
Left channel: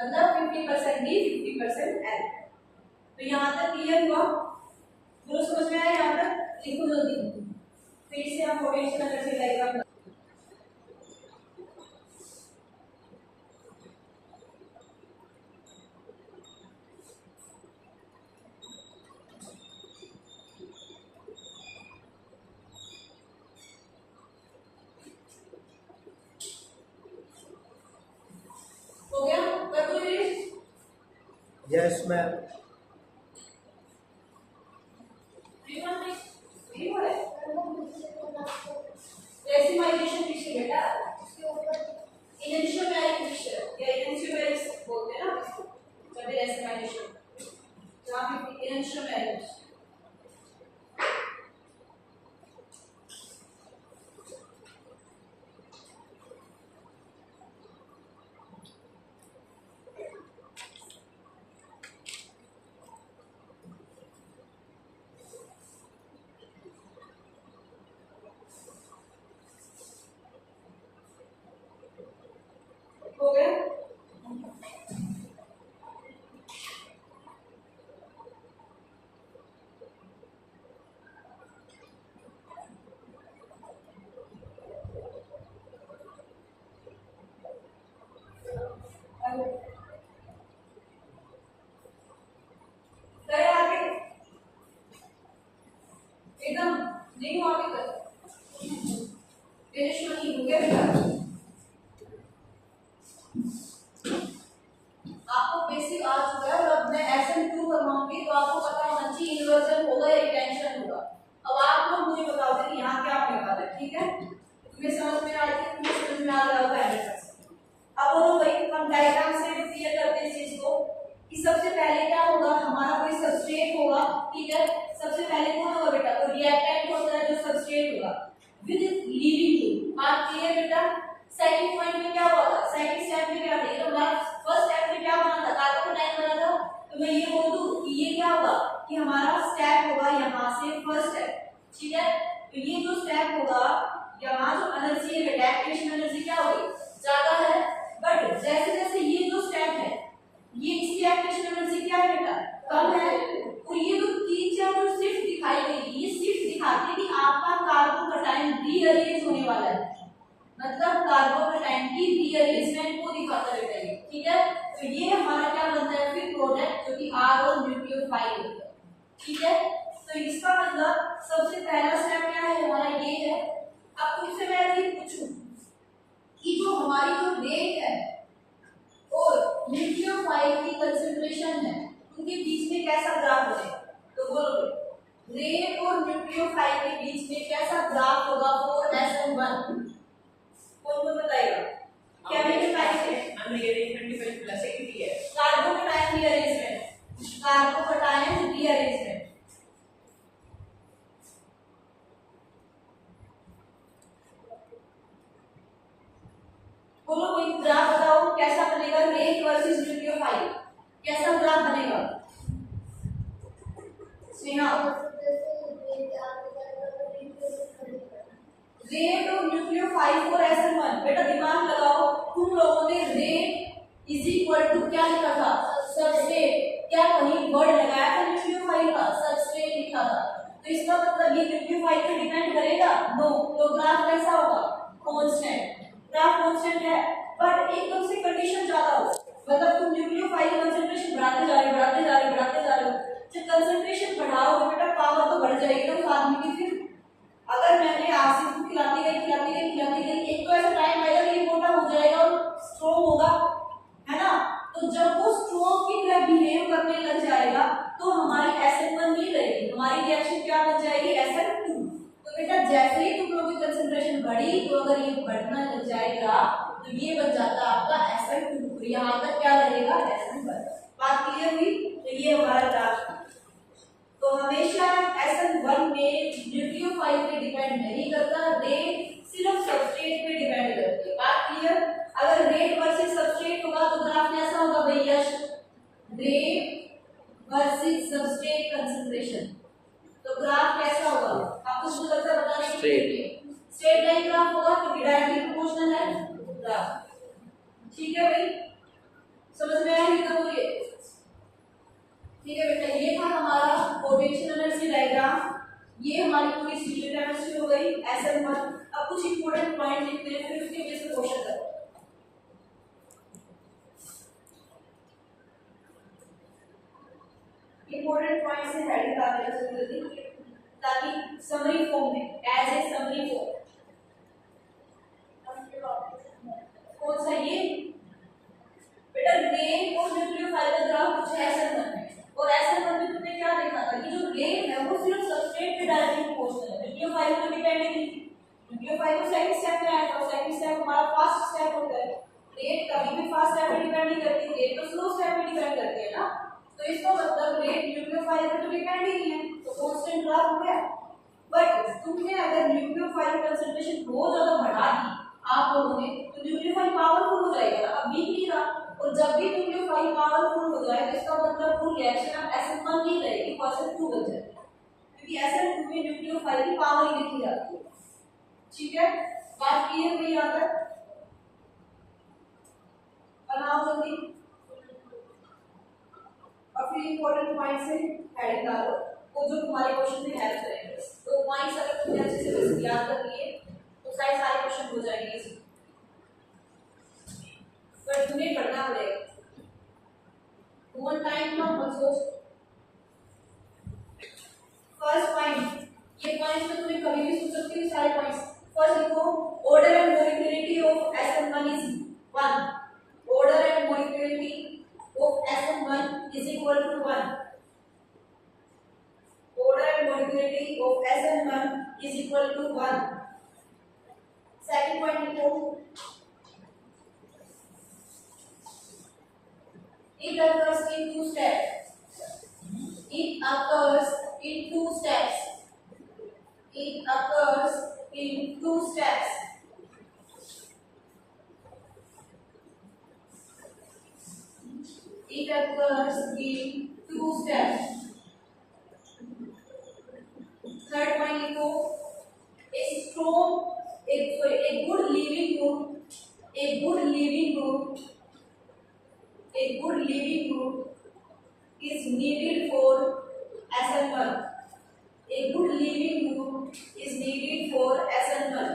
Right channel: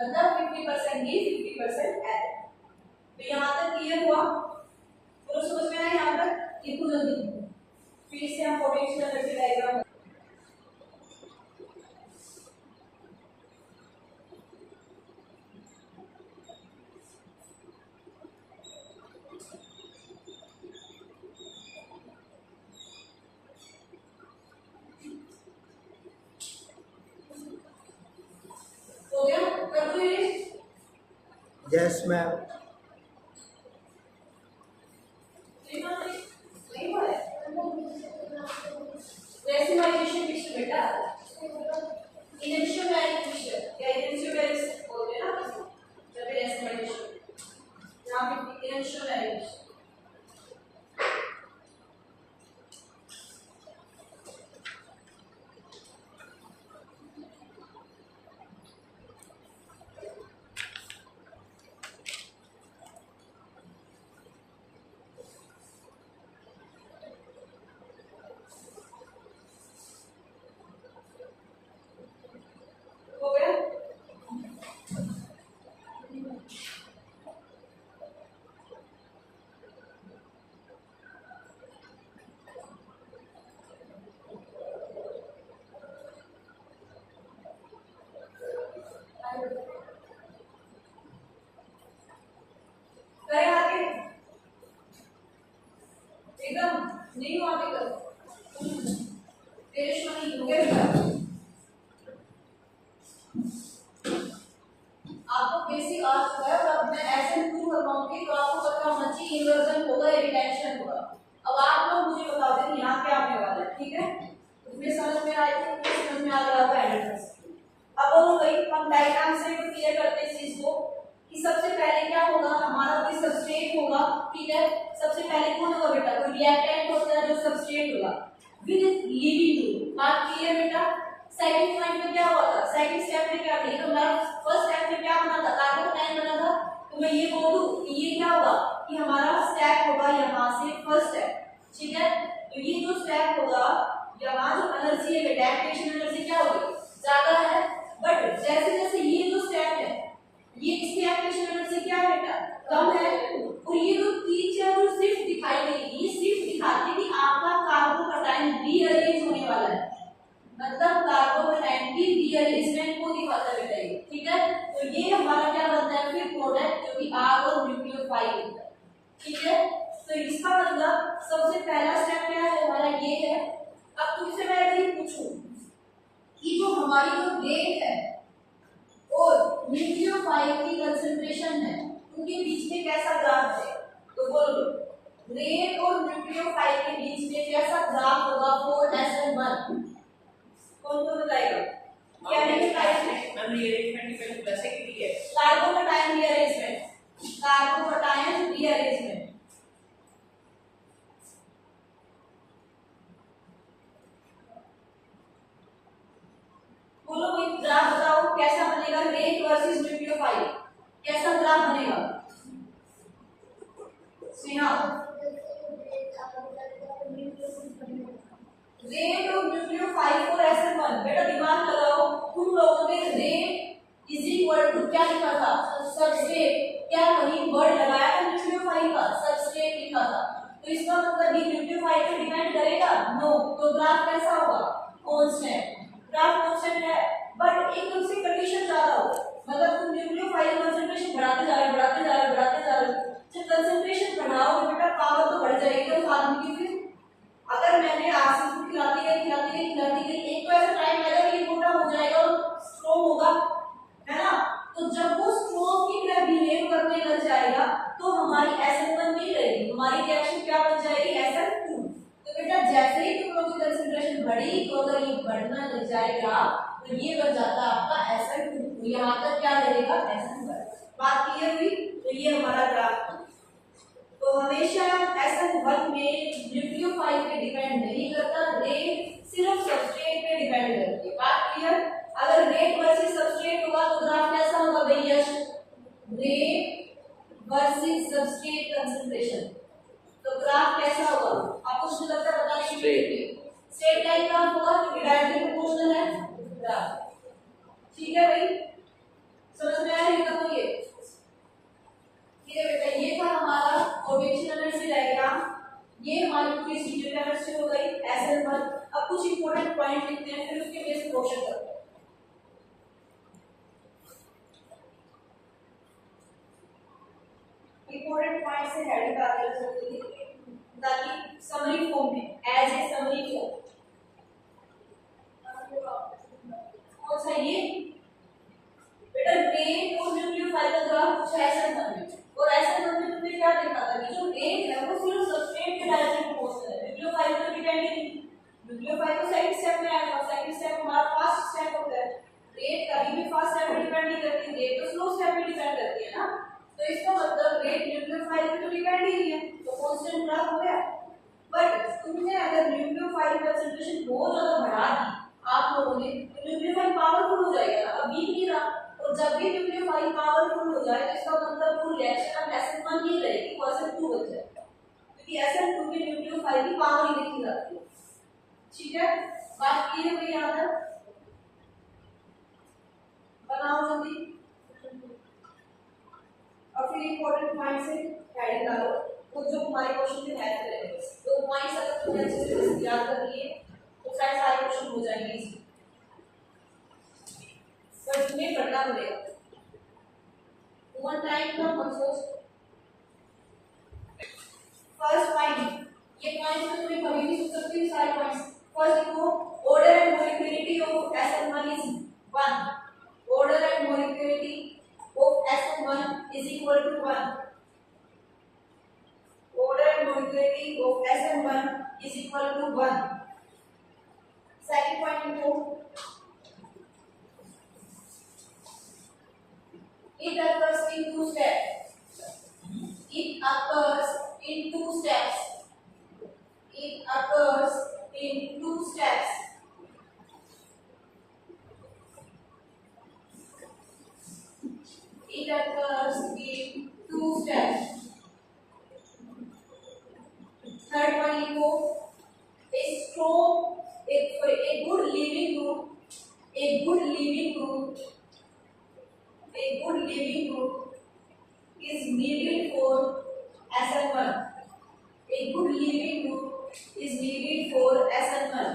मतलब 50% D 50% L। तो यहां तक क्लियर हुआ, बोलो समझ में आया, यहां तक लिखो जल्दी, फिर से हम potential energy diagram. Yes, ma'am. नहीं हुआ है रेसिमाइजेशन पिक्चर बेटा इनेंशियोमैरिक पिक्चर या इनेंशियोमैरिक बोलते हैं ना इसको जब भी रेसिमाइजेशन यहाँ पे इनेंशियोमैरिक हो गया करे आगे एकदम नहीं हुआ अभी तक फिनिश नहीं हो गया बेटा आपको बेसिक आ चुका है और अब मैं SN2 करवाऊंगी तो आपको पता होना चाहिए इन्वर्जन होगा या रिटेंशन होगा। अब आप लोग मुझे बता दें कि यहाँ क्या आने वाला है, ठीक है? तुम्हें समझ में आई है, तुम्हें समझ में आ गया होगा 100%। अब बोलो भाई हम डायग्राम से क्लियर करते हैं इस चीज को कि सबसे पहले क्या होगा, हमारा कोई सबस्ट्रेट होगा, ठीक है? सबसे पहले कौन होगा बेटा? कोई रिएक्टेंट होता है जो सबस्ट्रेट होगा विद लीविंग ग्रुप। बात क्लियर बेटा? सेकंड पॉइंट में क्या हुआ था, सेकंड स्टेप में क्या था, तो हमारा फर्स्ट स्टेप में क्या बना था, कार्बोनाइन बना था। तो मैं ये बोल दूं कि ये क्या होगा कि हमारा स्टेप होगा यहाँ से फर्स्ट स्टेप, ठीक है? तो ये जो स्टेप होगा यहाँ जो एनर्जी है बेटा, एक्टिवेशन एनर्जी क्या होगी, ज्यादा है। बट जैसे जैसे ये जो स्टेप है ये इसकी एक्टिवेशन एनर्जी क्या है बेटा, कम है। और ये जो तीन जो शिफ्ट दिखाई गई, ये शिफ्ट दिखाती है कि आपका कार्बोकैटायन रीअरेंज होने वाला है, मतलब कार्बोकैटायन की रीअरेंजमेंट को दिखाता है बेटा ये, ठीक है? तो ये हमारा क्या बनता है फिर प्रोडक्ट जो कि R और न्यूक्लियोफाइल होता है, ठीक है? तो इसका मतलब सबसे पहला स्टेप क्या है हमारा, ये है। अब तुमसे मैं अगर पूछूं कि जो हमारी जो रेट है और न्यूक्लियोफाइल की कंसंट्रेशन है उनके बीच में कैसा ग्राफ बनेगा, तो बोलो रेट और न्यूक्लियोफाइल के बीच में कैसा ग्राफ होगा 4SN1, कौन को बताएगा? क्या है रीअरेंजमेंट की वैसे की है कार्बोकैटायन रीअरेंजमेंट, कार्बोकैटायन रीअरेंजमेंट। बोलो कोई ग्राफ बताओ कैसा बनेगा, रेट वर्सेस न्यूक्लियोफाइल कैसा ग्राफ बनेगा? स्नेहा रेट और न्यूक्लियोफाइल 4SN1 बेटा दिमाग लगाओ, तुम लोगों ने रेट इज इक्वल टू क्या लिखा था, सबस्ट्रेट, क्या वही वर्ड लगाया था न्यूक्लियोफाइल का, सबस्ट्रेट लिखा था। तो इसका मतलब ये न्यूक्लियोफाइल पे डिपेंड करेगा, नो। तो ग्राफ कैसा होगा, कांस्टेंट, ग्राफ कांस्टेंट है। बट एकदम से कंडीशन ज्यादा हो, मतलब तुम न्यूक्लियोफाइल कंसंट्रेशन बढ़ाते जा रहे हो, बढ़ाते जा रहे हो, बढ़ाते जा रहे हो, जब कंसंट्रेशन बढ़ाओगे बेटा पावर तो बढ़ जाएगी ना उस आदमी की। फिर अगर मैंने आसिफ को खिलाती गई, एक तो ऐसा टाइम आएगा ये मोटा हो जाएगा और स्ट्रॉन्ग होगा, है ना? तो जब वो स्ट्रॉन्ग की तरह बिहेव करने लग जाएगा तो हमारी SN1 नहीं रहेगी, हमारी रिएक्शन क्या बन जाएगी, SN2। तो बेटा जैसे ही तुम लोगों की कंसंट्रेशन बढ़ी तो अगर ये बढ़ना लग जाएगा तो ये बन जाता है आपका SN2, यहाँ तक क्या रहेगा, SN1। बात क्लियर हुई? तो ये हमारा ग्राफ। तो हमेशा SN1 में न्यूक्लियोफाइल पे डिपेंड नहीं करता, रेट सिर्फ सबस्ट्रेट पे डिपेंड करती है। बात क्लियर? अगर रेट वर्सेस सबस्ट्रेट होगा तो ग्राफ कैसा होगा भैया, रेट वर्सेस सबस्ट्रेट कंसंट्रेशन। तो ग्राफ कैसा होगा आपको मुझे लगता है बताने की स्ट्रेट लाइन ग्राफ होगा क्योंकि डायरेक्टली प्रोपोर्शनल है ग्राफ, ठीक है भाई? समझ में आया? तो बोलिए ठीक है बेटा, ये था हमारा पोटेंशियल एनर्जी डायग्राम, ये हमारी पूरी स्टीरियो केमिस्ट्री हो गई SN1। अब कुछ इंपॉर्टेंट पॉइंट लिखते हैं फिर उसके बेस पे क्वेश्चन करो। इंपॉर्टेंट पॉइंट से हेडिंग आ गया जल्दी ताकि समरी फॉर्म में एज ए समरी फॉर्म कौन सा ये बेटा रेट और न्यूक्लियोफाइल का ग्राफ कुछ ऐसा मतलब वो रिएक्शन अब SN1 नहीं रहेगी, वो SN2 बन जाएगी, क्योंकि SN2 में न्यूक्लियोफाइल की पावर ही लिखी जाती है। ठीक है, बात क्लियर हुई यहाँ तक? बनाओ जल्दी और फिर इंपॉर्टेंट पॉइंट से हेडिंग डालो, तो जो तुम्हारे क्वेश्चन में हेल्प करेंगे। बस दो पॉइंट्स अगर तुमने अच्छे से याद कर लिए तो सारे क्वेश्चन हो जाएंगे इजी, पर तुम्हें पढ़ना पड़ेगा। वन टाइम ना सोच। फर्स्ट पॉइंट, ये पॉइंट्स में तुम्हें कभी भी सोच सकती हो सारे पॉइंट्स। फर्स्ट देखो, order and molecularity of SN1 is 1. Order and molecularity of SN1 is equal to 1. Order and molecularity of SN1 is equal to 1. Second point देखो, it occurs in two steps. It occurs in two steps. It occurs in two steps. It occurs in two steps. Third one लिखो, a good living group is needed for SN1. A good living group is needed for SN1.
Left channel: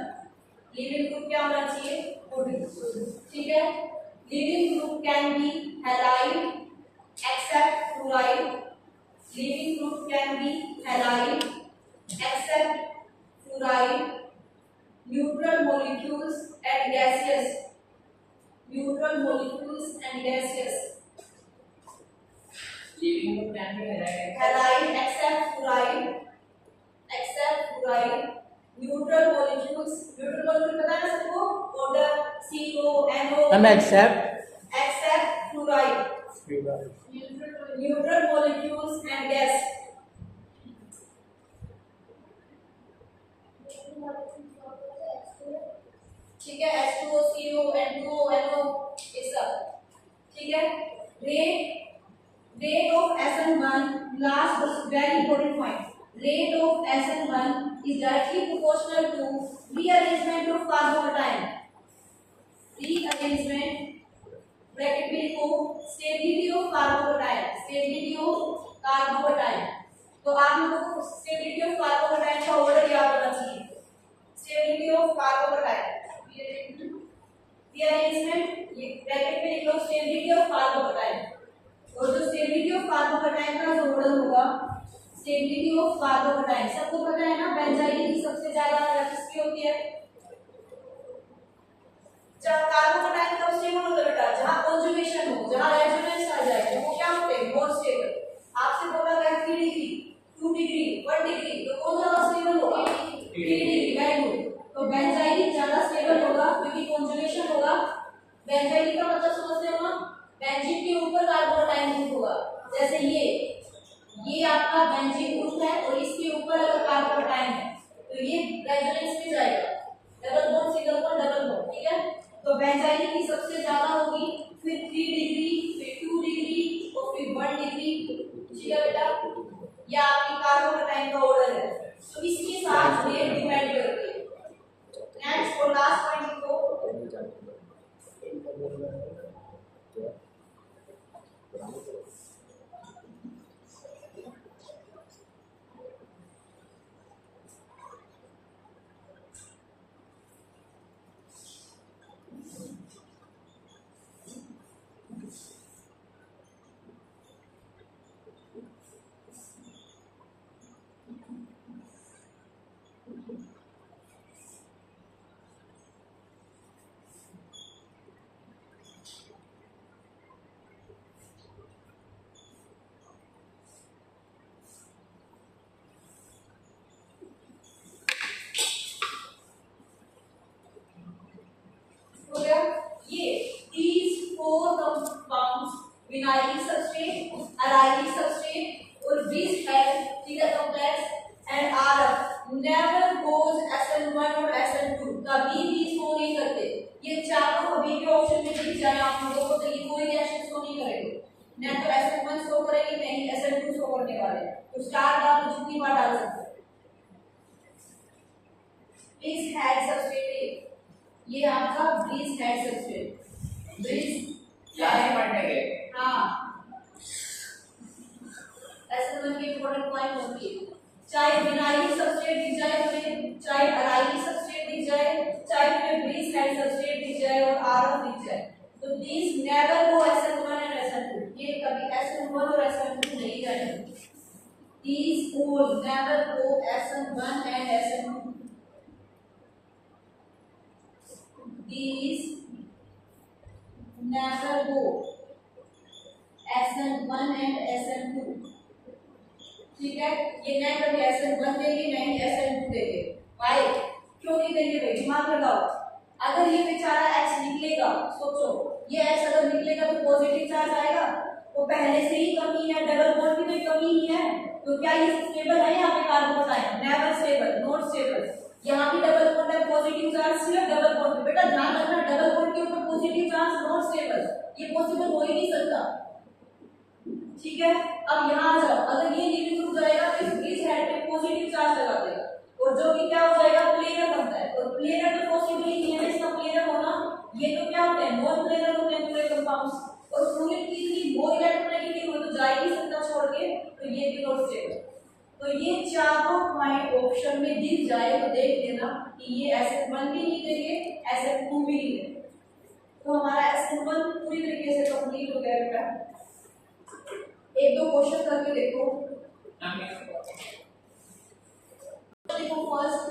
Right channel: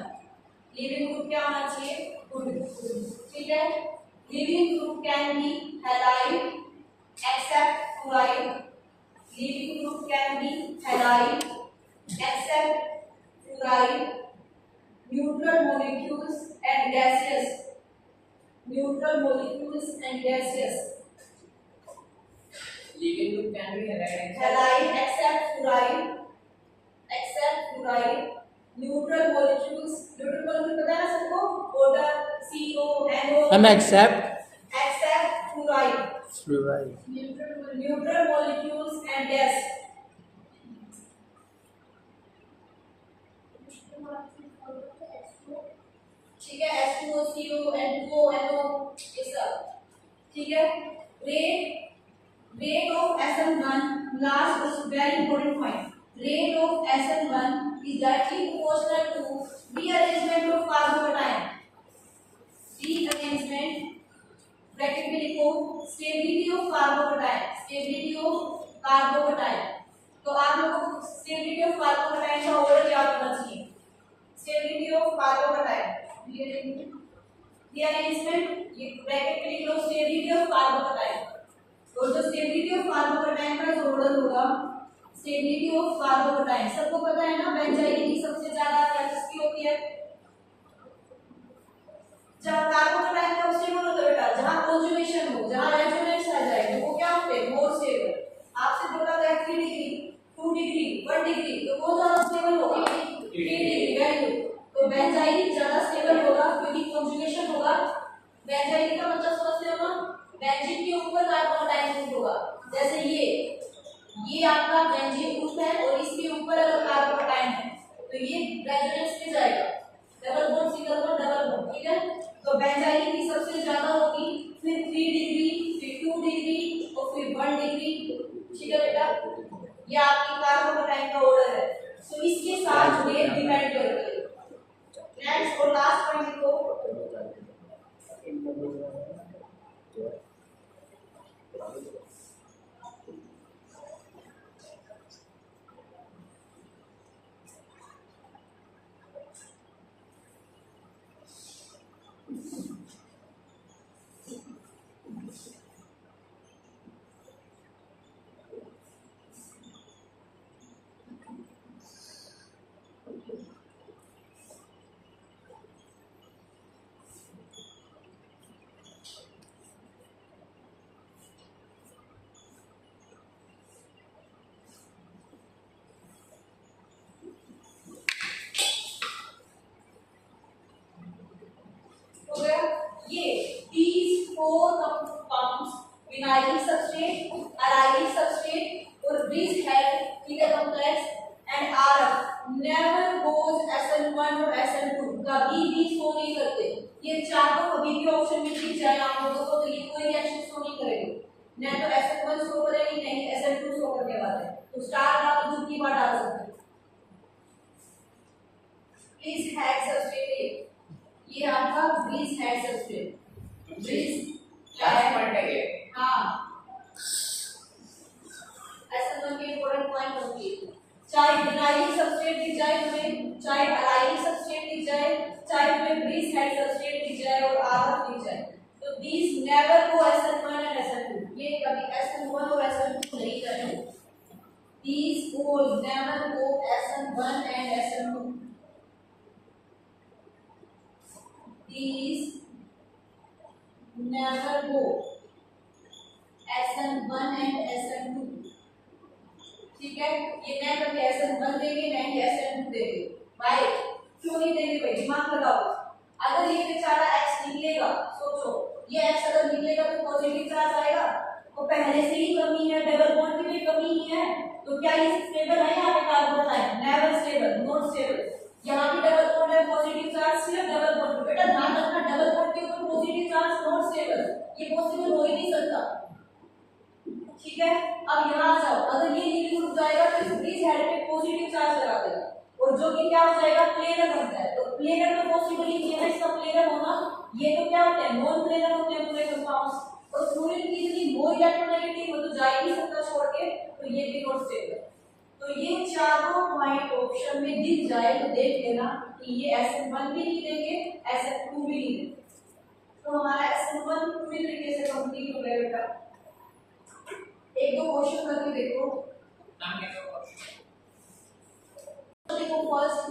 Living group क्या होना चाहिए? Good. ठीक है, living group can be halide except fluoride. Living group can be halide except fluoride. Neutral molecules and gaseous. Neutral molecules and gaseous. Living group can be halide. Halide except fluoride. Except fluoride. Neutral molecules. Neutral molecule पता है ना सबको? Order CO, NO. Except fluoride. fluoride. Neutral molecules and gas. ठीक है, H2O, CO, N2O, NO ये सब। ठीक है, rate of SN1 last very important point. Rate of SN1 is directly proportional to rearrangement of carbocation. Rearrangement bracket में लिखो stability of carbocation. Stability of carbocation. तो आप लोगों को stability of carbocation का order याद करना चाहिए. Stability of carbocation. Rearrangement ये ब्रैकेट में लिख लो stability of carbocation. और जो stability of carbocation का जो मॉडल होगा stability of carbocation सबको पता है ना, बेंजाइन की सबसे ज्यादा किसकी होती है? जब कार्बोकेटाइन कब स्टेबल होता है बेटा? जहां कंजुगेशन हो, जहां रेजोनेंस आ जाए, तो वो क्या होते हैं? More stable. आपसे बोला गया 3 डिग्री, 2 डिग्री, 1 डिग्री, तो कौन ज्यादा स्टेबल होगा? 3 डिग्री। Very good. तो बेंजाइन ज्यादा स्टेबल होगा क्योंकि कंजुगेशन होगा। बेंजाइन का मतलब समझते हो ना? बेंजीन के ऊपर कार्बोकेटाइन होगा। जैसे ये आपका बेंजीन ग्रुप है और इसके ऊपर अगर कार्बोकेटाइन है तो ये रेजोनेंस में जाएगा। Double bond, single bond, double bond. ठीक है, तो बेंजाइन की सबसे ज्यादा होगी, फिर 3 डिग्री, फिर 2 डिग्री और फिर 1 डिग्री। ठीक है बेटा, ये आपकी कार्बोकेटाइन का ऑर्डर है। तो इसके साथ रेट डिपेंड करती है। नेक्स्ट और लास्ट पॉइंट लिखो, ये these 4 compounds vinylic substrate, arylic substrate और this have ठीक है complex and RF never goes SN1 और SN2 कभी भी शो नहीं करते। ये चारों कभी भी ऑप्शन में दिख जाए आप लोगों को तो ये कोई रिएक्शन शो नहीं करेंगे। ना तो SN1 शो करेगी नहीं SN2 शो करने वाले हैं। तो स्टार का आप जितनी बार डाल सकते हैं। ब्रीज हेड सबस्ट्रेट, ये आपका bridgehead substrate, bridge last point है ये। हाँ SN1 की इंपॉर्टेंट पॉइंट होती है, चाहे विनाइलिक सबस्ट्रेट दिख जाए तुम्हें, चाहे अलाइलिक सबस्ट्रेट दिख जाए, चाहे तुम्हें ब्रीज हेड सबस्ट्रेट दिख जाए और RF दिख जाए, तो these never go SN1 and SN2, ये कभी SN1 और SN2 नहीं जाएंगे। These will never go SN1 and SN2, these never go SN1 and SN2, ठीक है। ये न कभी SN1 देंगे न ही SN2 देंगे। भाई क्यों नहीं देंगे भाई, दिमाग लगाओ। अगर ये बेचारा X निकलेगा, सोचो ये X अगर निकलेगा तो पॉजिटिव चार्ज आएगा, वो पहले से ही कमी है, डबल बॉन्ड की कोई कमी ही है, तो क्या ये स्टेबल है? यहाँ पे carbon ion never stable, not stable. यहाँ भी डबल बॉन्ड है, पॉजिटिव चार्ज सिर्फ डबल बॉन्ड। बेटा ध्यान रखना, डबल बॉन्ड के ऊपर पॉजिटिव चार्ज नॉट स्टेबल, ये पॉसिबल हो ही नहीं सकता, ठीक है। अब यहाँ आ जाओ, अगर ये नीली ग्रुप जाएगा तो इस ब्रीज हेड पे पॉजिटिव चार्ज लगा देगा, और जो कि क्या हो जाएगा, प्लेनर बनता है। और प्लेनर तो पॉसिबल ही नहीं है इसका प्लेनर होना, ये तो क्या होते हैं, नॉन प्लेनर होते हैं पूरे कंपाउंड्स। और फ्लोरीन की यदि मोर इलेक्ट्रोनेगेटिव हो तो जा ही नहीं सकता छोड़ के, तो ये भी नॉट स्टेबल। तो ये चारों पॉइंट ऑप्शन में दिख जाए तो देख लेना कि ये SN1 भी नहीं देंगे, SN2 भी नहीं देंगे। तो हमारा SN1 पूरी तरीके से कंप्लीट हो गया बेटा। एक दो क्वेश्चन करके देखो। देखो first,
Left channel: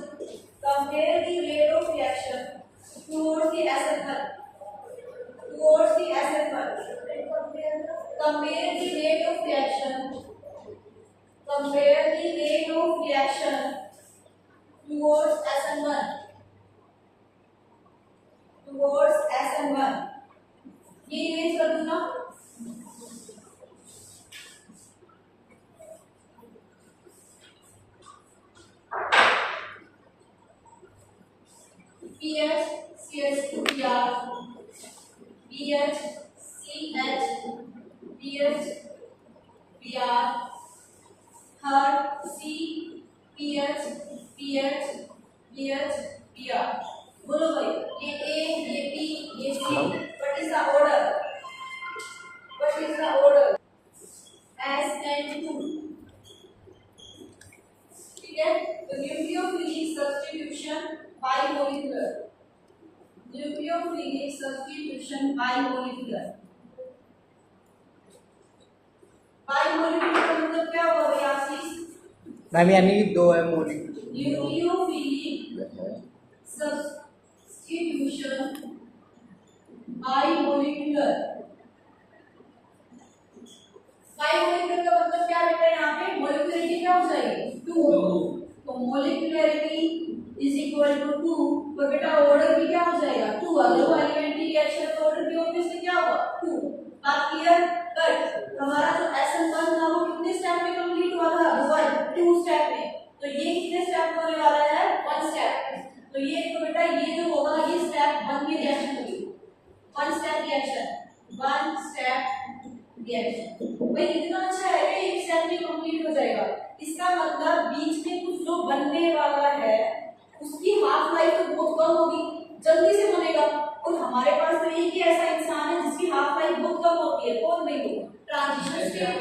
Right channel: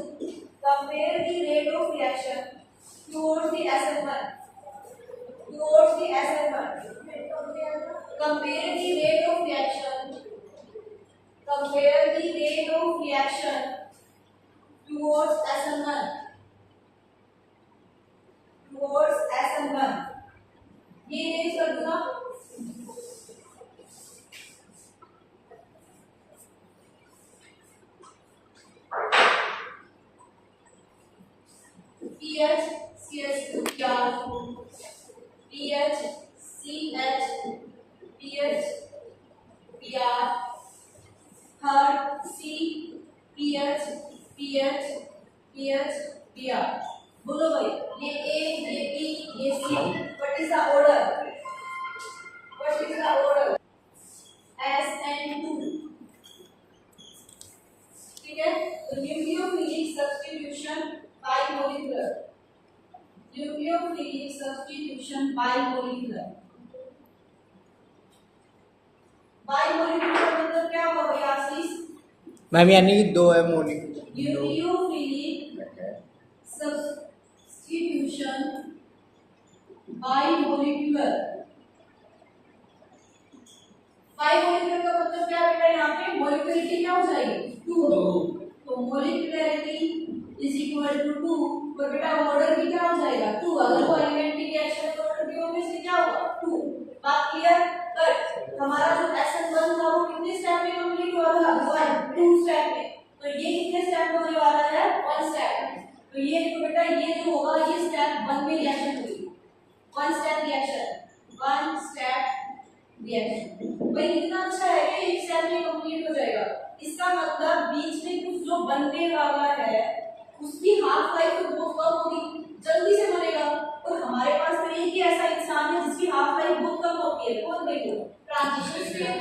compare the rate of reaction towards the SN1, towards the SN1, compare the rate of reaction, compare the rate of reaction towards SN1, towards SN1, ये इमेज कर दूंगा। PH CH2Br, PH CH PH Br, third C PH PH PH Br। बोलो भाई, ये A, ये B, ये C, what is the order? What is the order? SN2, ठीक है। तो न्यूक्लियोफिलिक सब्स्टिट्यूशन बाइमोलिकुलर, न्यूक्लियोफिलिक सब्स्टिट्यूशन बाइमोलिकुलर, बाइमोलिकुलर का मतलब क्या हुआ भैया आशीष? मैम यानी दो है मोलिक्यूल। न्यूक्लियोफिलिक सब्स्टिट्यूशन बाइमोलिकुलर, बाइमोलिकुलर का मतलब क्या बेटा, यहाँ पे मोलिकुलरिटी क्या हो जाएगी, 2, तो मोलिकुलरिटी इज इक्वल टू 2, और बेटा ऑर्डर भी क्या हो जाएगा, 2। अगर वो एलिमेंट्री रिएक्शन का ऑर्डर भी ऑब्वियसली क्या होगा, 2। बात क्लियर? बट हमारा जो SN1 था वो कितने स्टेप में कंप्लीट हुआ था, 2 स्टेप में, तो ये कितने स्टेप में होने वाला है, 1 स्टेप में। तो ये देखो बेटा, ये जो होगा ये स्टेप 1 में रिएक्शन होगी, 1 स्टेप रिएक्शन, 1 स्टेप रिएक्शन। भाई इतना अच्छा है कि एक स्टेप में कंप्लीट हो जाएगा। इसका मतलब बीच में कुछ जो बनने वाला है उसकी हाफ लाइफ तो बहुत कम होगी, जल्दी से बनेगा। और हमारे पास तो एक ही ऐसा इंसान है जिसकी हाफ लाइफ बहुत कम होती है, कौन भाई वो, ट्रांजिशन स्टेट।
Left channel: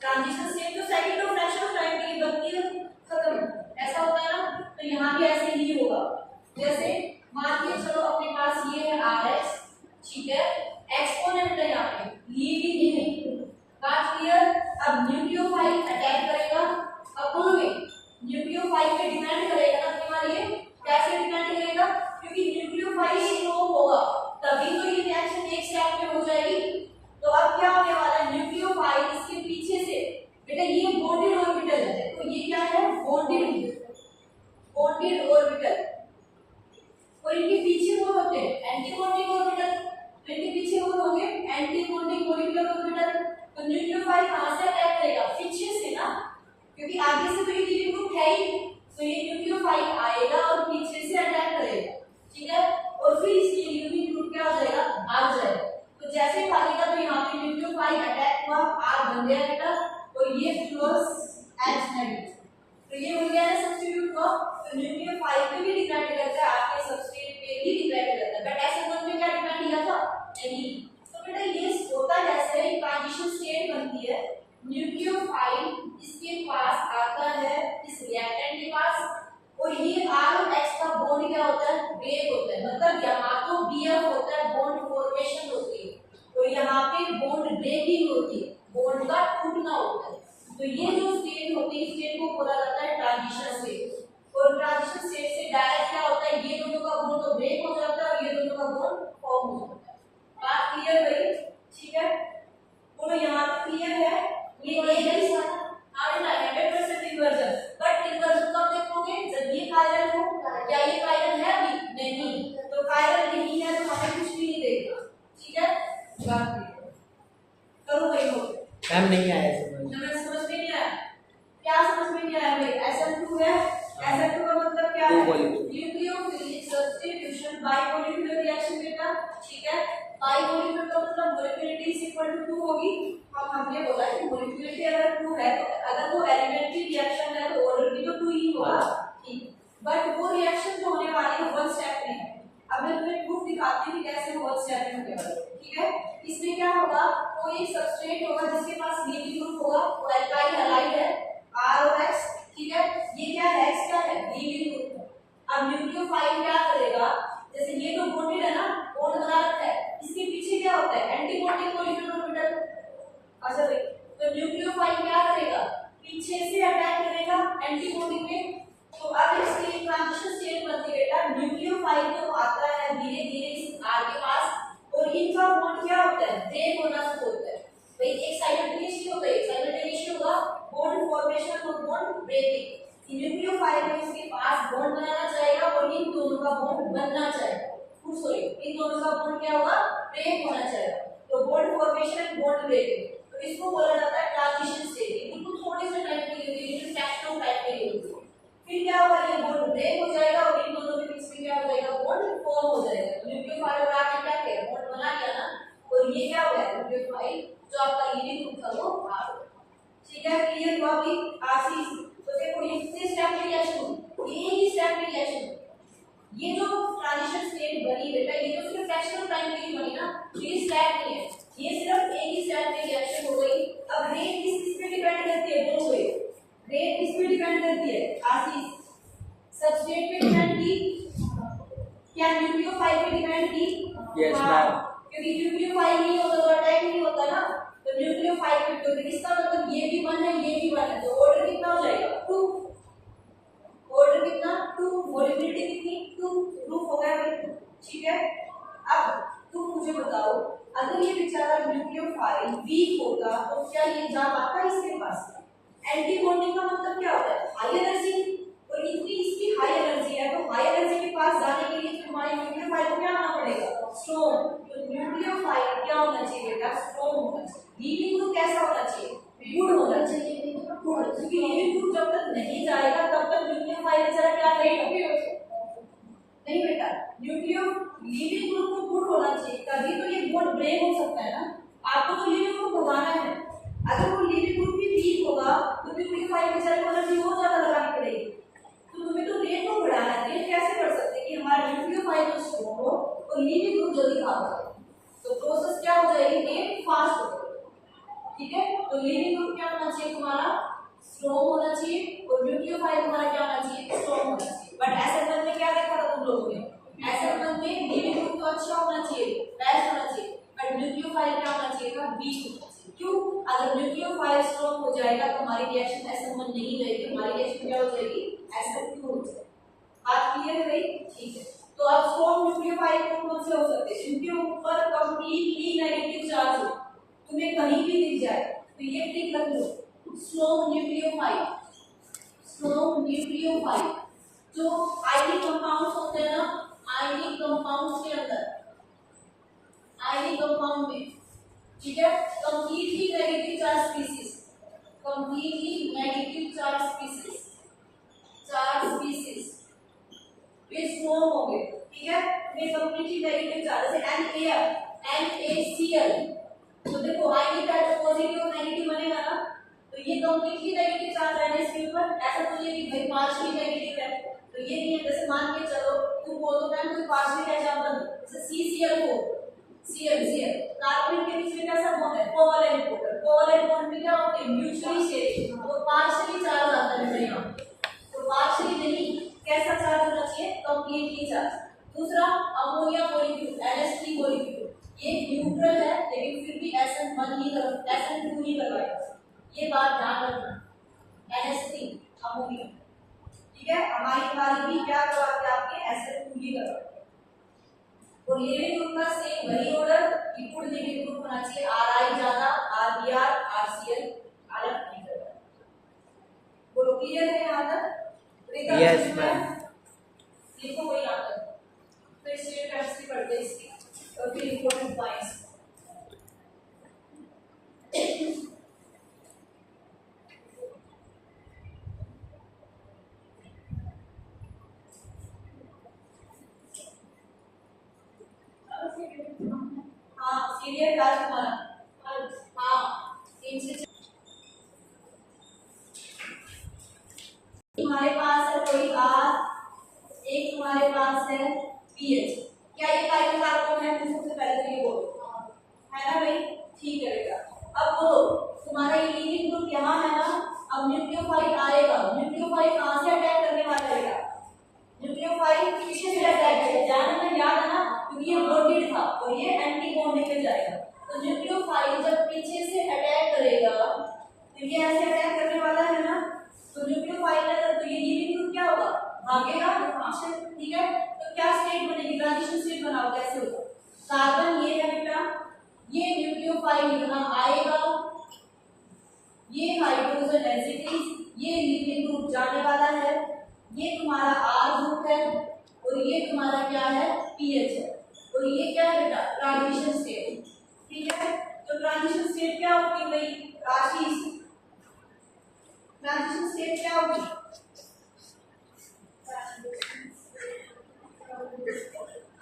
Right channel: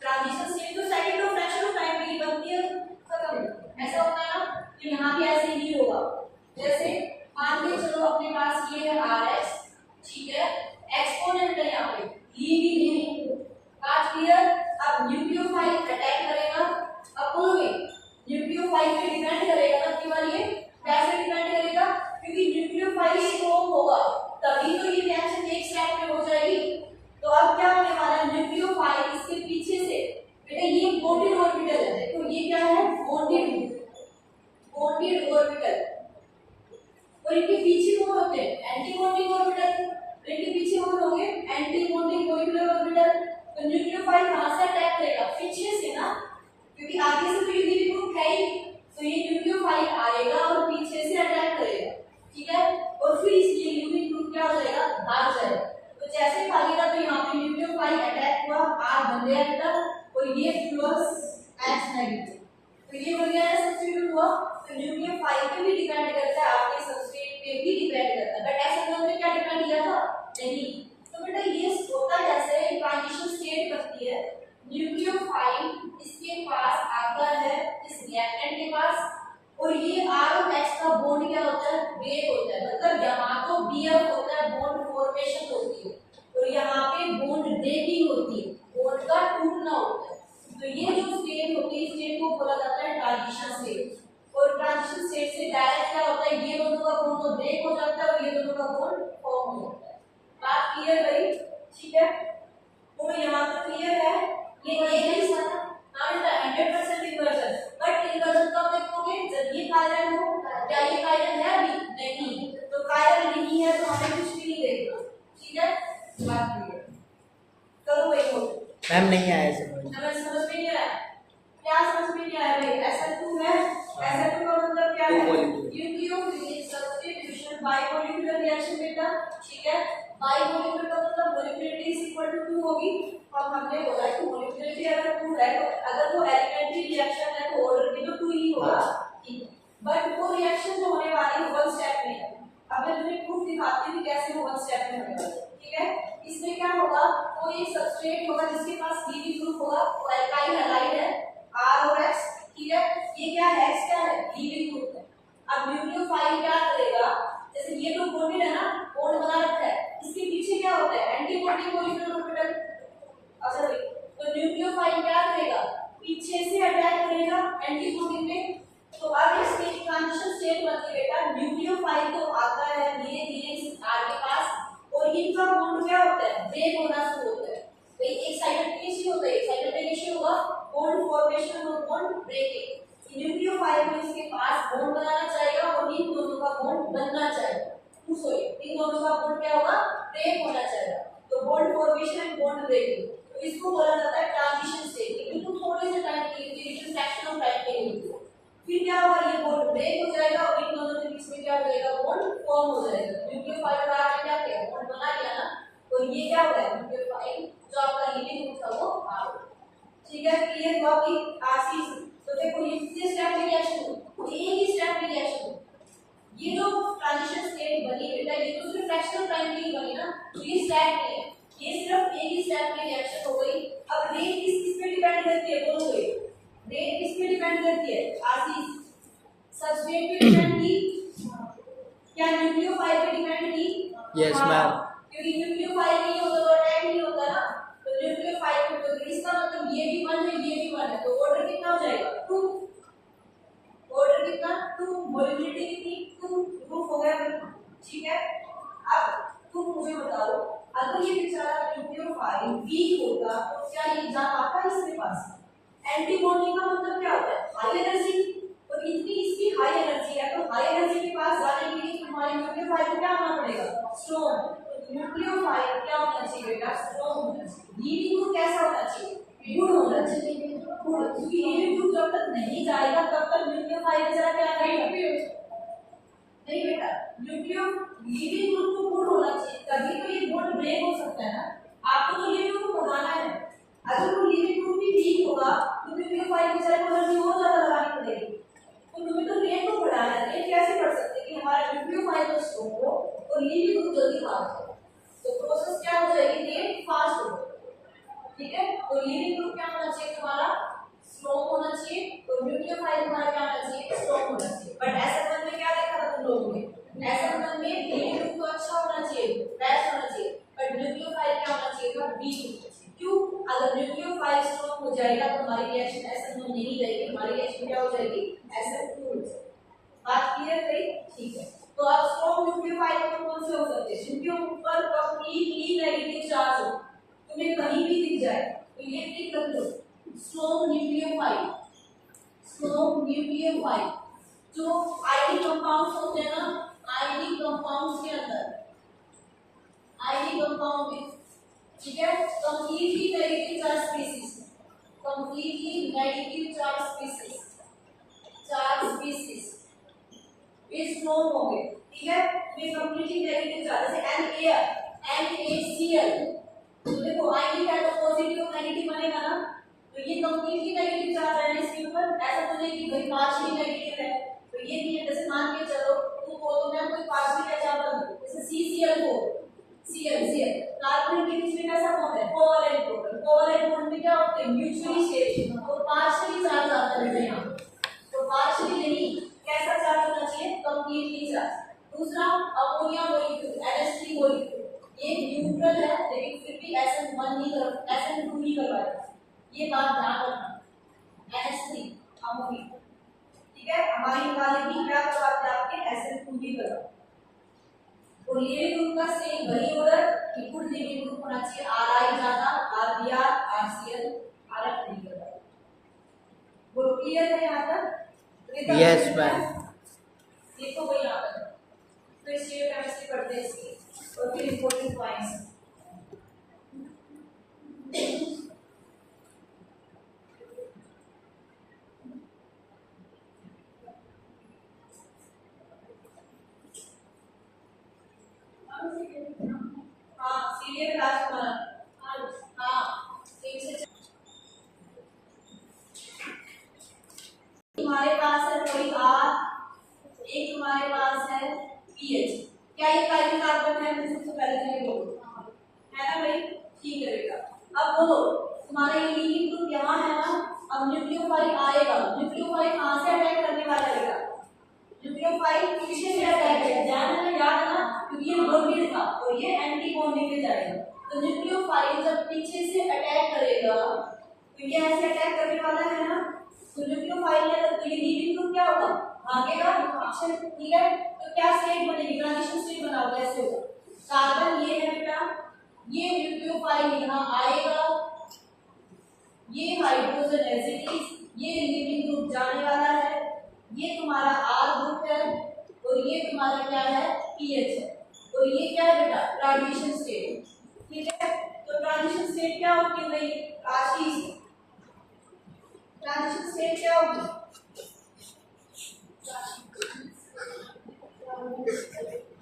ट्रांजिशन स्टेट तो सेकंड और फ्रैक्शन ऑफ टाइम में ही बनती है, खत्म, ऐसा होता है ना। तो यहाँ भी ऐसे ही होगा। जैसे मान के चलो अपने पास ये है RX, ठीक है, एक्सपोनेंट है यहाँ पे, लीविंग है, बात क्लियर। अब न्यूक्लियोफाइल अटैक करेगा अपुल में, न्यूक्लियोफाइल पे डिपेंड करेगा ना केवल, ये कैसे डिपेंड करेगा, क्योंकि न्यूक्लियोफाइल स्ट्रॉन्ग होगा तभी तो ये रिएक्शन एक स्टेप में हो जाएगी। तो अब क्या होने वाला है, न्यूक्लियोफाइल इसके पीछे से, बेटा ये बॉन्डेड ऑर्बिटल है, तो ये क्या है, बॉन्डेड ऑर्बिटल, और इनके पीछे कौन होते हैं, एंटी बॉन्डिंग ऑर्बिटल, तो इनके पीछे कौन होंगे, एंटी बॉन्डिंग मॉलिक्यूलर ऑर्बिटल। तो न्यूक्लियोफाइल कहां से अटैक करेगा, पीछे से ना, क्योंकि आगे से तो ये लीविंग ग्रुप है ही, तो ये न्यूक्लियोफाइल आएगा और पीछे से अटैक करेगा, ठीक है, और फिर इसलिए लीविंग ग्रुप क्या हो जाएगा, भाग जाएगा। तो जैसे भागेगा तो यहाँ पे न्यूक्लियोफाइल अटैक नहीं। तो बेटा ये होता कैसे है, ट्रांजिशन स्टेट बनती है, न्यूक्लियोफाइल इसके पास आता है इस रिएक्टेंट के पास, और ये R और H का बॉन्ड क्या होता है, ब्रेक होता है। मतलब यहाँ तो BF होता है, बॉन्ड फॉर्मेशन होती है, और यहाँ पे बॉन्ड ब्रेकिंग होती है, बॉन्ड का टूटना होता है। तो ये जो स्टेट होती है, स्टेट को बोला जाता है ट्रांजिशन स्टेट। और ट्रांजिशन स्टेट से डायरेक्ट क्या होता है, ये दोनों का बॉन्ड तो ब्रेक हो जाता है और ये दोनों का बॉन्ड फॉर्म हो जाता है। बात क्लियर भाई? ठीक है, तो यहाँ पे क्लियर है। ये नहीं सारा हाँ बेटा 100% इन्वर्जन, बट इन्वर्जन कब देखोगे, जब ये कायरल हो, या ये कायरल है अभी नहीं, तो कायरल नहीं है तो हमें कुछ भी नहीं देगा। ठीक है, बात क्लियर करो भाई। हो मैम नहीं आया समझ। समझ में नहीं आया? क्या समझ में नहीं आया भाई? SN2 है, SN2 का मतलब क्या है, न्यूक्लियोफिलिक सब्स्टिट्यूशन बाइमोलिकुलर रिएक्शन बेटा। ठीक है, बाइमोलिकुलर का मतलब मोलिकुलरिटी इज इक्वल टू 2 होगी, और हमने बोला कि मोलिकुलरिटी अगर 2 है तो अगर वो एलिमेंट्री रिएक्शन है तो ऑर्डर भी तो 2 ही होगा। ठीक, बट वो रिएक्शन जो होने वाली है 1 स्टेप में है। अब मैं तुम्हें प्रूफ दिखाती हूँ कैसे 1 स्टेप में होने वाली है। ठीक है, इसमें क्या होगा, कोई एक सबस्ट्रेट होगा जिसके पास लीविंग ग्रुप होगा, और अल्काइल हैलाइड है R और H। ठीक है, ये क्या है, H क्या है, लीविंग ग्रुप है। अब न्यूक्लियोफाइल क्या करेगा, जैसे ये तो बॉन्डेड है ना, बॉन्ड बना रखा है, इसके पीछे क्या होता है, एंटी बॉन्डिंग मॉलिक्यूलर ऑर्बिटल। अच्छा तो न्यूक्लियोफाइल क्या करेगा, पीछे से अटैक करेगा एंटी बॉन्डिंग में। तो अब इसके ट्रांजिशन स्टेट बनती है बेटा, न्यूक्लियोफाइल तो आता है धीरे धीरे इस R के पास, और इनका बॉन्ड क्या होता है, ब्रेक होना शुरू होता है। भाई एक साइमल्टेनियसली होता है, एक साइमल्टेनियसली होगा बॉन्ड फॉर्मेशन और बॉन्ड ब्रेकिंग। न्यूक्लियोफाइल को इसके पास बॉन्ड बनाना चाहेगा और इन दोनों का बॉन्ड बनना चाहेगा, सॉरी इन दोनों का बॉन्ड क्या होगा, ब्रेक होना चाहेगा। तो bond formation and bond breaking, तो इसको बोला जाता है ट्रांजिशन स्टेट। ये बिल्कुल थोड़े से टाइम के लिए होती है, फ्रैक्शन ऑफ टाइम के लिए होती है। फिर क्या होगा, ये बॉन्ड ब्रेक हो जाएगा और इन दोनों के बीच में क्या हो जाएगा, बॉन्ड फॉर्म हो जाएगा। न्यूक्लियोफाइल और आर क्या किया, बॉन्ड बना लिया ना, और ये क्या हुआ, न्यूक्लियोफाइल जो आपका लीविंग ग्रुप था वो आर। ठीक है, क्लियर हुआ अभी आशीष? तो देखो ये स्टेप की रिएक्शन, एक ही स्टेप की रिएक्शन, ये जो ट्रांजिशन स्टेट बनी बेटा, ये तो सिर्फ फ्रैक्शनल टाइम के लिए बनी ना, तो ये स्टेप नहीं है, ये सिर्फ एक ही स्टेप की रिएक्शन हो गई। अब रेट किस पे डिपेंड करती है, बोलो भाई, रेट किस पे डिपेंड करती है, आशीष? सबस्ट्रेट पे डिपेंड की, क्या न्यूक्लियोफाइल पे डिपेंड की? यस मैम, क्योंकि न्यूक्लियोफाइल नहीं होता तो अटैक नहीं होता ना, तो न्यूक्लियोफाइल पे तो इसका मतलब ये भी 1 है ये भी 1 है, तो ऑर्डर कितना हो जाएगा, 2। ऑर्डर कितना, 2, मोलिकुलरिटी कितनी, 2, प्रूफ हो गया बिल्कुल। ठीक है, अब तुम मुझे बताओ, अगर ये बेचारा न्यूक्लियोफाइल वीक होगा तो क्या ये एग्जाम आता है इसके पास? एंटी बॉन्डिंग का मतलब क्या होता है, हाई एनर्जी, और इतनी इसकी हाई एनर्जी है, तो हाई एनर्जी के पास जाने के लिए तुम्हारे न्यूक्लियोफाइल को क्या होना पड़ेगा, स्ट्रॉन्ग। तो न्यूक्लियोफाइल क्या होना चाहिए बेटा, स्ट्रॉन्ग होना चाहिए। लीविंग ग्रुप कैसा होना चाहिए, गुड होना चाहिए, गुड, क्योंकि लीविंग ग्रुप जब तक नहीं जाएगा तब तक न्यूक्लियोफाइल बेचारा क्या करेगा, नहीं बेटा, न्यूक्लियो लीविंग ग्रुप को गुड होना चाहिए, तभी तो ये बॉन्ड ब्रेक हो सकता है ना। आपको तो लीविंग ग्रुप को भगाना है, अगर वो लीविंग ग्रुप भी वीक होगा तो न्यूक्लियोफाइल बेचारे को एनर्जी और ज्यादा लगानी पड़ेगी, तो तुम्हें तो रेट को बढ़ाना है। रेट कैसे बढ़ सकते हैं कि हमारा न्यूक्लियोफाइल तो स्ट्रॉन्ग हो और लीविंग ग्रुप जल्दी भाग जाए, तो प्रोसेस क्या हो जाएगी, रेट फास्ट हो जाएगी। ठीक है, तो लीविंग ग्रुप क्या होना चाहिए तुम्हारा, स्ट्रॉन्ग होना चाहिए, और न्यूक्लियोफाइल तुम्हारा क्या होना चाहिए, स्ट्रॉन्ग होना चाहिए। बट SN1 में क्या देखा था तुम लोगों ने, SN1 में लीविंग ग्रुप तो अच्छा होना चाहिए, बेस्ट होना चाहिए, बट न्यूक्लियोफाइल क्या होना चाहिए था, वीक होना चाहिए। क्यों, अगर न्यूक्लियोफाइल स्ट्रॉन्ग हो जाएगा तो हमारी रिएक्शन SN1 नहीं रहेगी, हमारी रिएक्शन क्या हो जाएगी, SN2 हो जाएगी। बात क्लियर है? ठीक है, तो अब स्ट्रॉन्ग न्यूक्लियोफाइल कौन से हो सकते हैं, जिनके ऊपर कंप्लीटली नेगेटिव चार्ज हो, तुम्हें कहीं भी दिख जाए तो ये टिक रख लो, स्ट्रॉन्ग न्यूक्लियोफाइल। स्ट्रॉन्ग न्यूक्लियोफाइल जो आयनिक कंपाउंड्स होते हैं ना, आयनिक कंपाउंड्स के अंदर, आयनिक कंपाउंड में, ठीक है, completely negative charge species, completely negative charge species, charge species वे स्ट्रॉन्ग होंगे। ठीक है, वे कंप्लीटली नेगेटिव चार्ज, जैसे NaCl, तो देखो आयनिक है तो पॉजिटिव और नेगेटिव बनेगा ना, तो ये कंप्लीटली नेगेटिव चार्ज है इसके ऊपर, ऐसा तो नहीं कि भाई पार्शियली नेगेटिव है, तो ये नहीं है। जैसे मान के चलो तुम बोलो मैम कोई पार्शियली एग्जांपल, जैसे CCl4, covalent bond. Covalent bond में क्या होते हैं? Mutually sharing. तो पार्शियली चार्ज आता है यहाँ, तो पार्शियली नहीं, कैसा चार्ज होना चाहिए? Completely charge. दूसरा अमोनिया मॉलिक्यूल, NH3 मॉलिक्यूल, ये न्यूट्रल है लेकिन फिर भी SN1 ही SN2 ही करवाएगा, ये बात ध्यान रखना। NH3 अमोनिया, ठीक है, अमाइन वाले भी क्या करवाते हैं? आपके SN2 ही करवाते हैं। और लिविंग ग्रुप का सेम वही ऑर्डर, लिक्विड लिविंग ग्रुप होना चाहिए RI ज्यादा, RBr, RCl अलग नहीं करवाएगा। बोलो क्लियर है यहाँ तक? Yes, ma'am. लिखो कोई यहाँ तक, तो इसलिए केमिस्ट्री पढ़ते हैं इसकी, और फिर इंपॉर्टेंट पॉइंट्स। हाँ सीरियल क्लास हमारा, हाँ 3 से हमारे पास है कोई R, एक हमारे पास है PH। क्या ये काइल कार्बन है? मुझे सबसे पहले तो ये बोलो, है ना भाई? ठीक है बेटा। अब बोलो तुम्हारा ये लीविंग ग्रुप यहाँ है ना, अब न्यूक्लियोफाइल आएगा, न्यूक्लियोफाइल कहाँ से अटैक करने वाला है बेटा? न्यूक्लियोफाइल पीछे से अटैक करेगा, ध्यान है ना, याद है ना, क्योंकि ये बॉन्डेड था और ये एंटी बॉन्ड लेके जाएगा। तो न्यूक्लियोफाइल जब पीछे से अटैक करेगा तो ये ऐसे अटैक करने वाला है ना, तो न्यूक्लियोफाइल है तो ये लीविंग ग्रुप क्या होगा? भागेगा पीछे, ठीक है। तो क्या स्टेट बनेगी? ट्रांजिशन स्टेट बनाओ, कैसे होगा? कार्बन ये है बेटा, ये न्यूक्लियोफाइल यहाँ आएगा, ये हाइड्रोजन एज इट इज, ये लिविंग ग्रुप जाने वाला है, ये तुम्हारा R ग्रुप है और ये तुम्हारा क्या है? PH है। और ये क्या है बेटा? ट्रांजिशन स्टेट, ठीक है। तो ट्रांजिशन स्टेट क्या होगी भाई? आशीष, ट्रांजिशन स्टेट क्या होगी?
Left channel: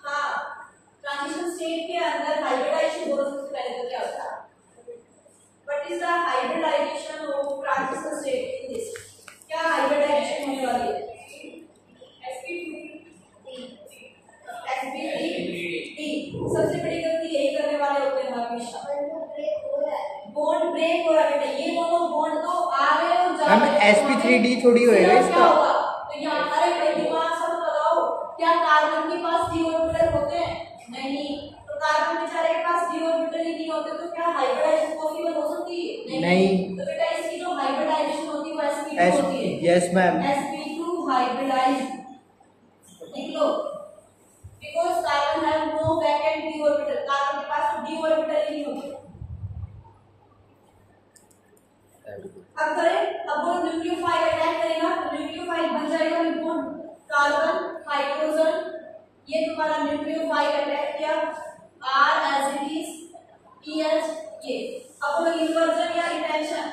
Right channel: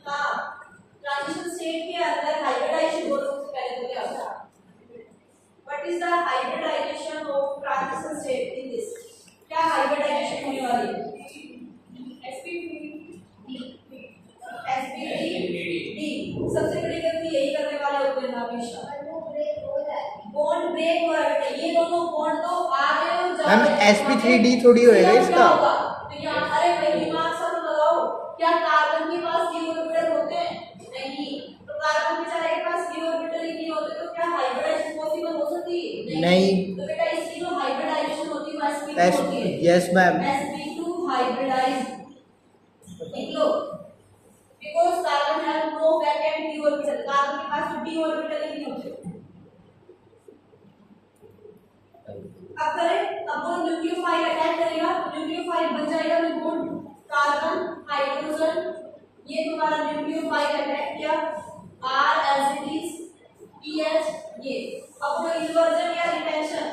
हाँ, ट्रांजिशन स्टेट के अंदर हाइब्रिडाइजेशन बोलो सबसे पहले तो क्या होता है? What is the hybridisation of transition state in this? क्या हाइब्रिडाइजेशन होने वाली है? sp3d। सबसे बड़ी गलती यही करने वाले होते हैं हमेशा, बॉन्ड ब्रेक हो रहा है बेटा, ये दोनों बॉन्ड तो आ रहे हैं और जा रहे हैं। sp3d थोड़ी होएगा इसका। तो यहाँ अरे भाई दिमाग सब लगाओ, क्या कार्बन के पास d ऑर्बिटल होते हैं? नहीं, तो कार्बन बेचारे के पास d ऑर्बिटल ही नहीं होते, तो क्या हाइब्रिडाइजेशन पॉसिबल हो सकती है? नहीं। तो बेटा इसकी जो हाइब्रिडाइजेशन होती है वो sp2 होती है। Yes ma'am. sp2 हाइब्रिडाइज्ड, लिख लो, because carbon have no vacant d orbital, carbon के पास तो d ऑर्बिटल ही नहीं होते। अब करें, अब वो न्यूक्लियोफाइल अटैक करेगा तो न्यूक्लियोफाइल बन जाएगा में बॉन्ड कार्बन हाइड्रोजन, ये तुम्हारा न्यूक्लियोफाइल अटैक किया, R as it is, PH ये। अब वो इन्वर्जन या रिटेंशन,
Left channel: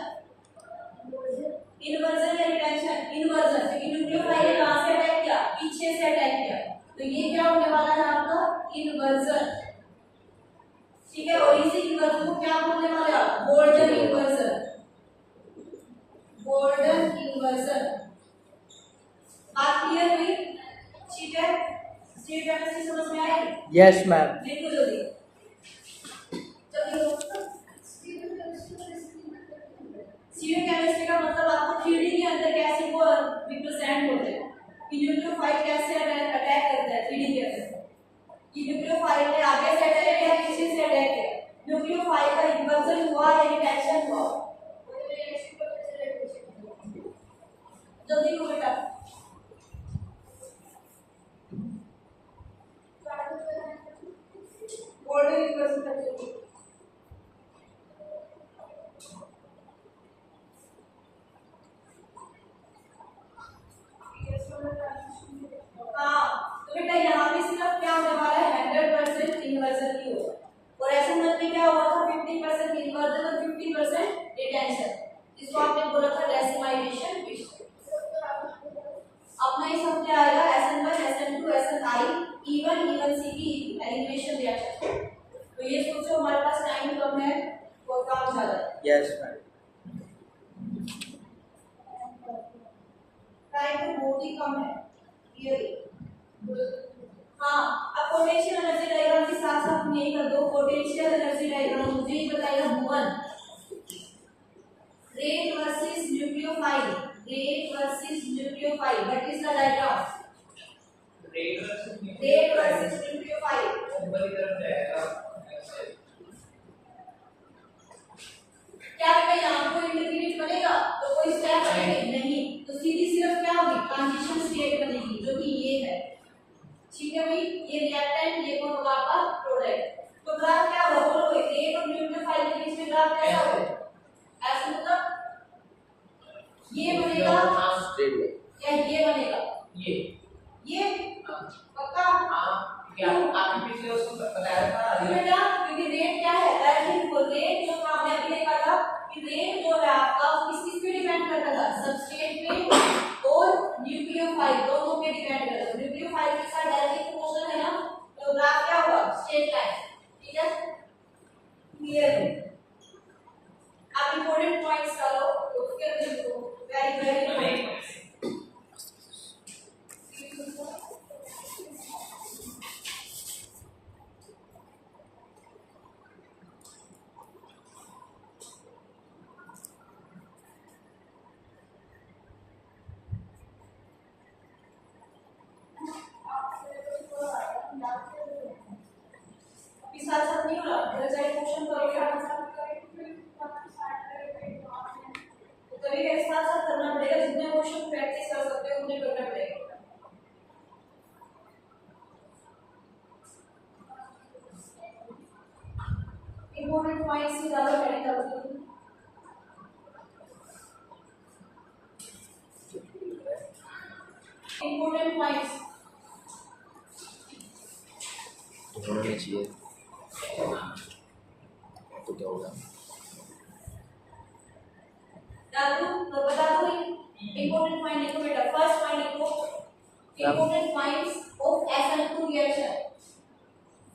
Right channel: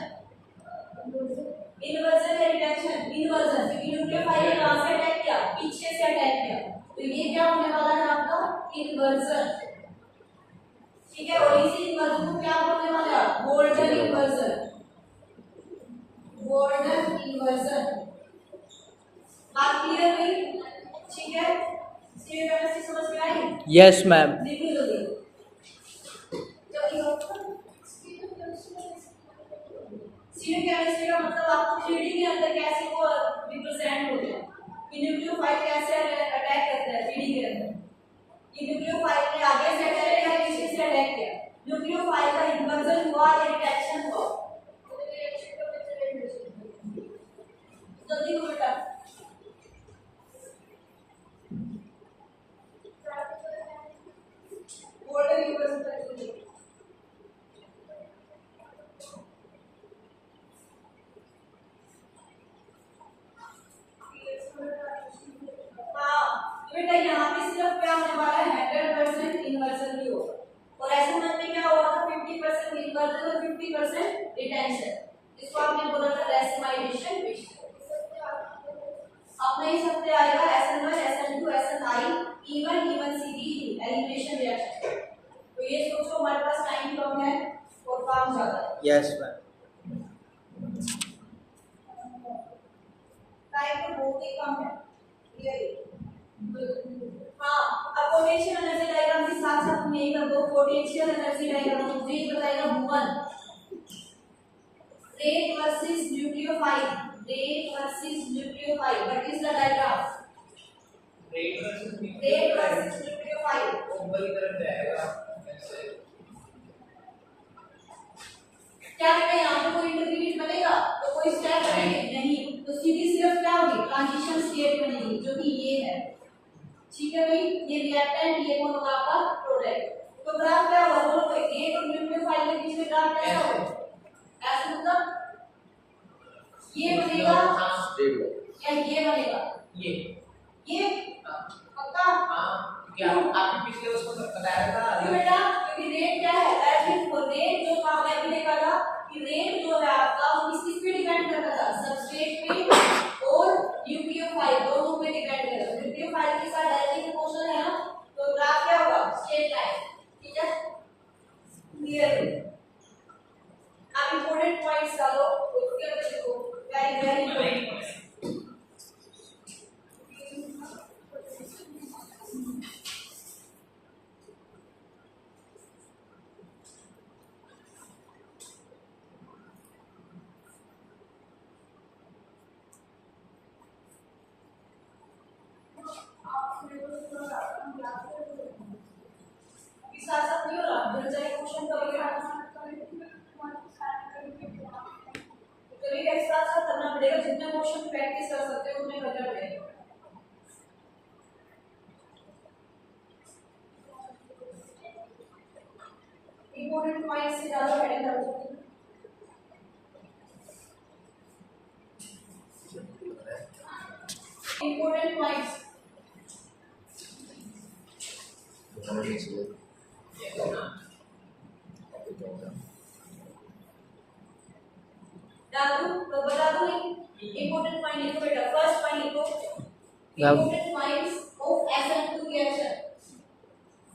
इन्वर्जन या रिटेंशन, इन्वर्जन, क्योंकि न्यूक्लियोफाइल ने कहां से अटैक किया? पीछे से अटैक किया, तो ये क्या होने वाला है आपका? इन्वर्जन, ठीक है। और इसी इन्वर्जन को क्या बोलने वाले हैं? Golden inversion, golden inversion. बात क्लियर हुई? ठीक है, स्टेट केमिस्ट्री समझ में आई? Yes ma'am. लिखो जल्दी जल्दी। स्टीरियो केमिस्ट्री का मतलब आपको थ्योरी के अंदर कैसे वो रिप्रेजेंट होते हैं, कि न्यूक्लियोफाइल कैसे अटैक करता है थ्योरी के अंदर, कि न्यूक्लियोफाइल ने आगे से अटैक किया पीछे से अटैक किया, न्यूक्लियोफाइल का इन्वर्जन हुआ या रिडक्शन हुआ। जल्दी करो बेटा। गोल्डन इन्वर्जन का जल्दी। हाँ, तो बेटा यहाँ पे सिर्फ क्या होने वाला है? 100% इन्वर्जन ही होगा, और ऐसे में क्या हुआ था? 50% इन्वर्जन और 50% रिटेंशन। इसको आपने बोला था डेसिमाइलेशन विश। अपने इस हफ्ते आएगा SN1, SN2, SNI, E1, E1CP, elimination reaction. तो ये सोचो हमारे पास टाइम कम है और काम ज्यादा है। Yes ma'am. टाइम तो बहुत ही कम है, ये हाँ। अब पोटेंशियल एनर्जी डायग्राम के साथ साथ तुम यही कर दो, पोटेंशियल एनर्जी डायग्राम मुझे ही बताएगा Bhuvan. Rate versus nucleophile, rate versus nucleophile, what is the diagram? Rate versus nucleophile. ऊपर की तरफ जाएगा ऐसे। क्या बेटा यहाँ पे कोई इंटीग्रेट बनेगा तो कोई स्टेप बनेंगे नहीं, तो सीधी सिर्फ क्या होगी, ट्रांजिशन स्टेट बनेगी जो कि ये है। ठीक है भाई, ये रिएक्टेंट, ये कौन होगा आपका प्रोडक्ट। तो ग्राफ क्या होगा, बोलो कोई रेट और न्यूक्लियोफाइल के बीच में ग्राफ कैसा होगा? ऐसा मतलब ये बनेगा या ये बनेगा? ये पक्का? क्या आपने पिछले उसको बताया था बेटा, क्योंकि रेट क्या है, अर्थिंग को रेट जो आपने अभी देखा था कि रेट जो है आपका वो किस पे डिपेंड करता था, सबस्ट्रेट पे और न्यूक्लियोफाइल दोनों पे डिपेंड करता है। न्यूक्लियोफाइल के साथ डायरेक्टली प्रोपोर्शनल है ना, तो ग्राफ क्या होगा, स्ट्रेट लाइन। ठीक है, क्लियर है? आप इंपॉर्टेंट पॉइंट्स डालो उसके अंदर लिखो, वेरी वेरी इंपॉर्टेंट। साथ नहीं हो रहा, घर जाके क्वेश्चन करेंगे, तो कभी एक साथ साथ करना पड़ेगा, जितने क्वेश्चन प्रैक्टिस कर सकते हो उतने करना पड़ेगा। इंपॉर्टेंट पॉइंट्स से ज्यादा हेडिंग डाल दो। इंपॉर्टेंट पॉइंट्स होने चाहिए तो क्या होगा, डाल दूं तो बता दो नहीं। इंपॉर्टेंट पॉइंट लिखो बेटा, फर्स्ट पॉइंट लिखो, important points of SN2 reaction.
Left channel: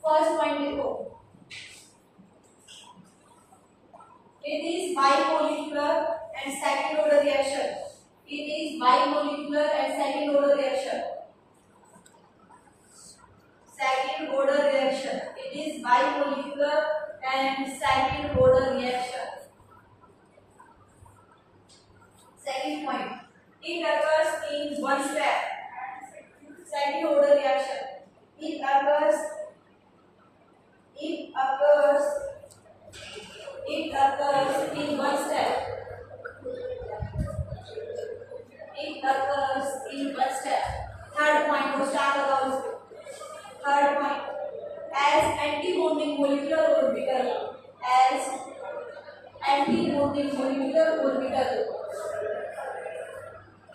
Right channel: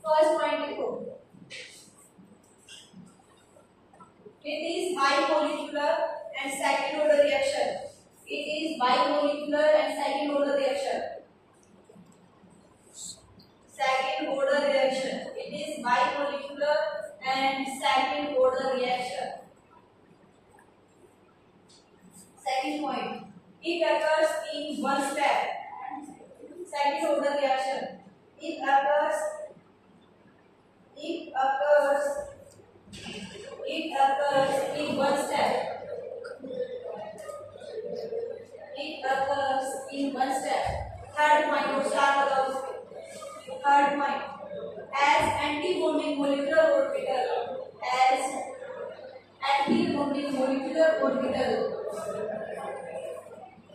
First point लिखो, it is bimolecular and second order reaction, it is bimolecular and second order reaction, second order reaction, it is bimolecular and second order reaction. Second point, it occurs in one step, second order reaction, it occurs in one step, it occurs in one step. Third point को start करो उसके। Third point, as anti-bonding molecular orbital, as anti-bonding molecular orbital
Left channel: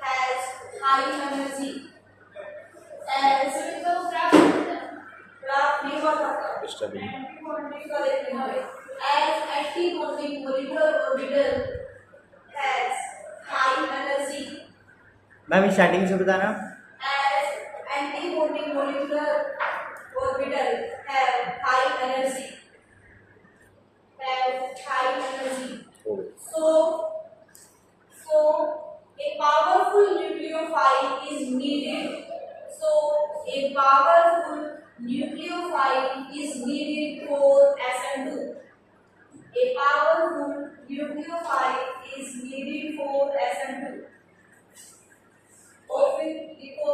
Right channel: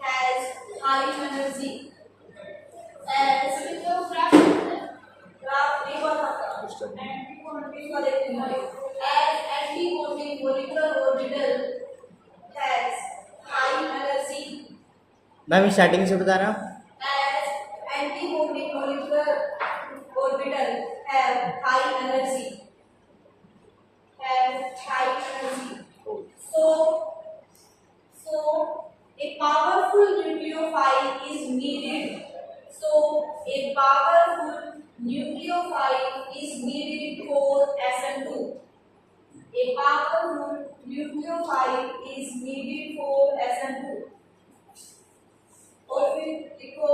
has high energy, as graph नहीं कर सकता, anti-bonding का देखते हैं, as anti-bonding molecular orbital has high energy, ma'am starting से बताना। as anti-bonding molecular orbital have high energy, so a powerful nucleophile is needed, so a powerful nucleophile is needed for SN2, a powerful nucleophile is needed for SN2, और फिर देखो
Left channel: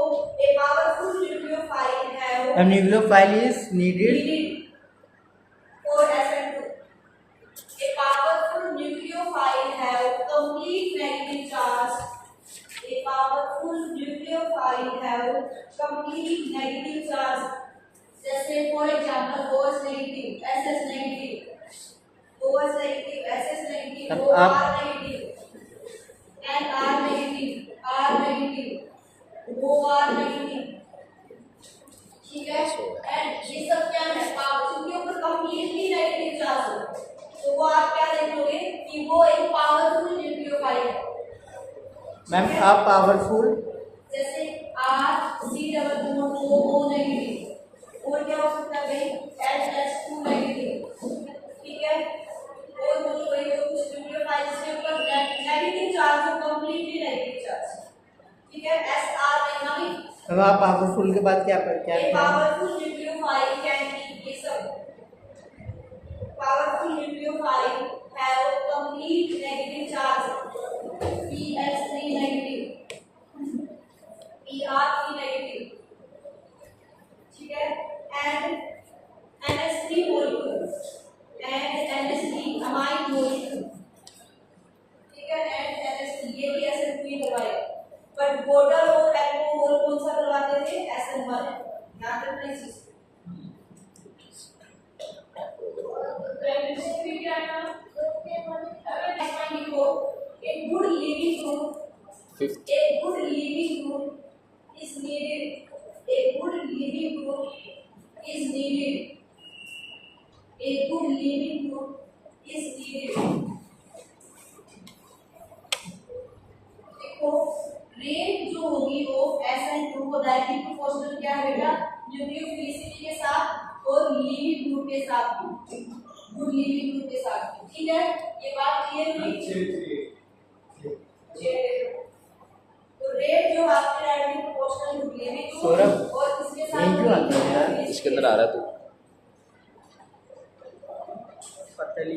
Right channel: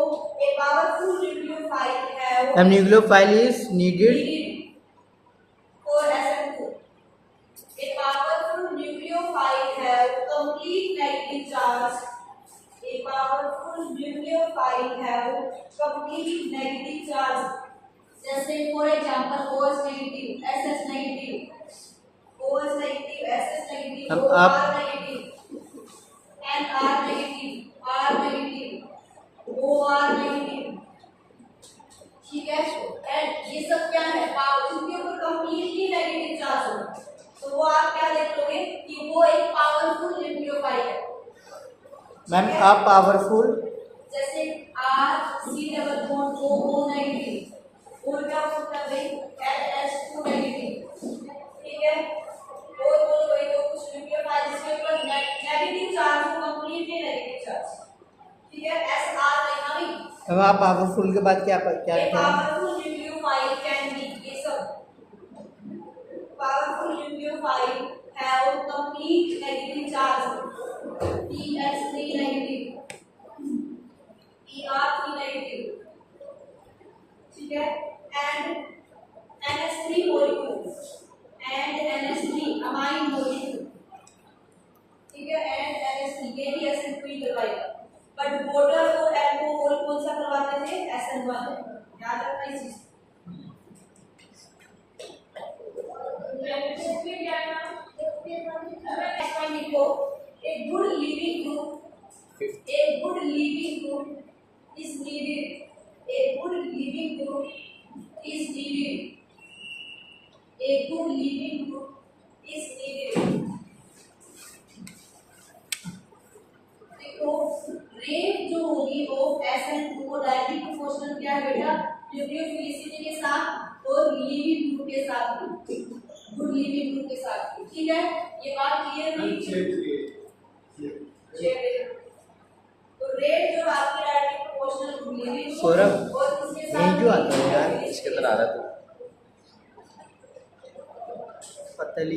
a powerful nucleophile have ma'am nucleophile is needed for SN2, a powerful nucleophile have complete negative charge, a powerful nucleophile have complete negative charge, जैसे for example OH negative, SS negative, OH negative, SS negative, अब OR आप negative, NR negative, R negative, OR negative, ठीक है। And ये सब क्या है, जिनके ऊपर कंप्लीटली नेगेटिव चार्ज हो, तो वो आप क्या देख लोगे कि वो एक पावरफुल न्यूक्लियोफाइल है। मैम आप पावरफुल जैसे RC double bond OO negative, और क्या हो सकता है भाई SH2 नेगेटिव, ठीक है। और बोलो भाई वो कुछ न्यूक्लियोफाइल जिसके ऊपर नेगेटिव चार्ज हो, कंप्लीटली नेगेटिव चार्ज, ठीक है। SR लेना भी। मैम आप पावरफुल के बाद क्या क्या A powerful nucleophile can be ये सब two nucleophile have complete negative charge. PH3 negative, PR3 negative, ठीक है, and NH3 molecule, and NH3 amine molecule, ठीक है, and NH3 ये भी SN2 ही करवाएगा, बट वोटर और एल्कोहल कौन सा करवाते थे? SN1, याद रखना इस चीज को। A good living group, a good living group is needed. A good living group is needed. A good living group is needed. देखो रेट जो होगी वो SN2 को डायरेक्टली प्रोपोर्शनल क्या है बेटा? न्यूक्लियोफिलिसिटी के साथ और लिविंग ग्रुप के साथ भी, गुड लिविंग ग्रुप के साथ भी, ठीक है, ये बात क्लियर हुई? तो रेट जो आपके डायरेक्टली प्रोपोर्शनल टू लिविंग सौरभ, और इसके साथ यही क्यों आता है यार? इसके अंदर आ रहा है तू पतली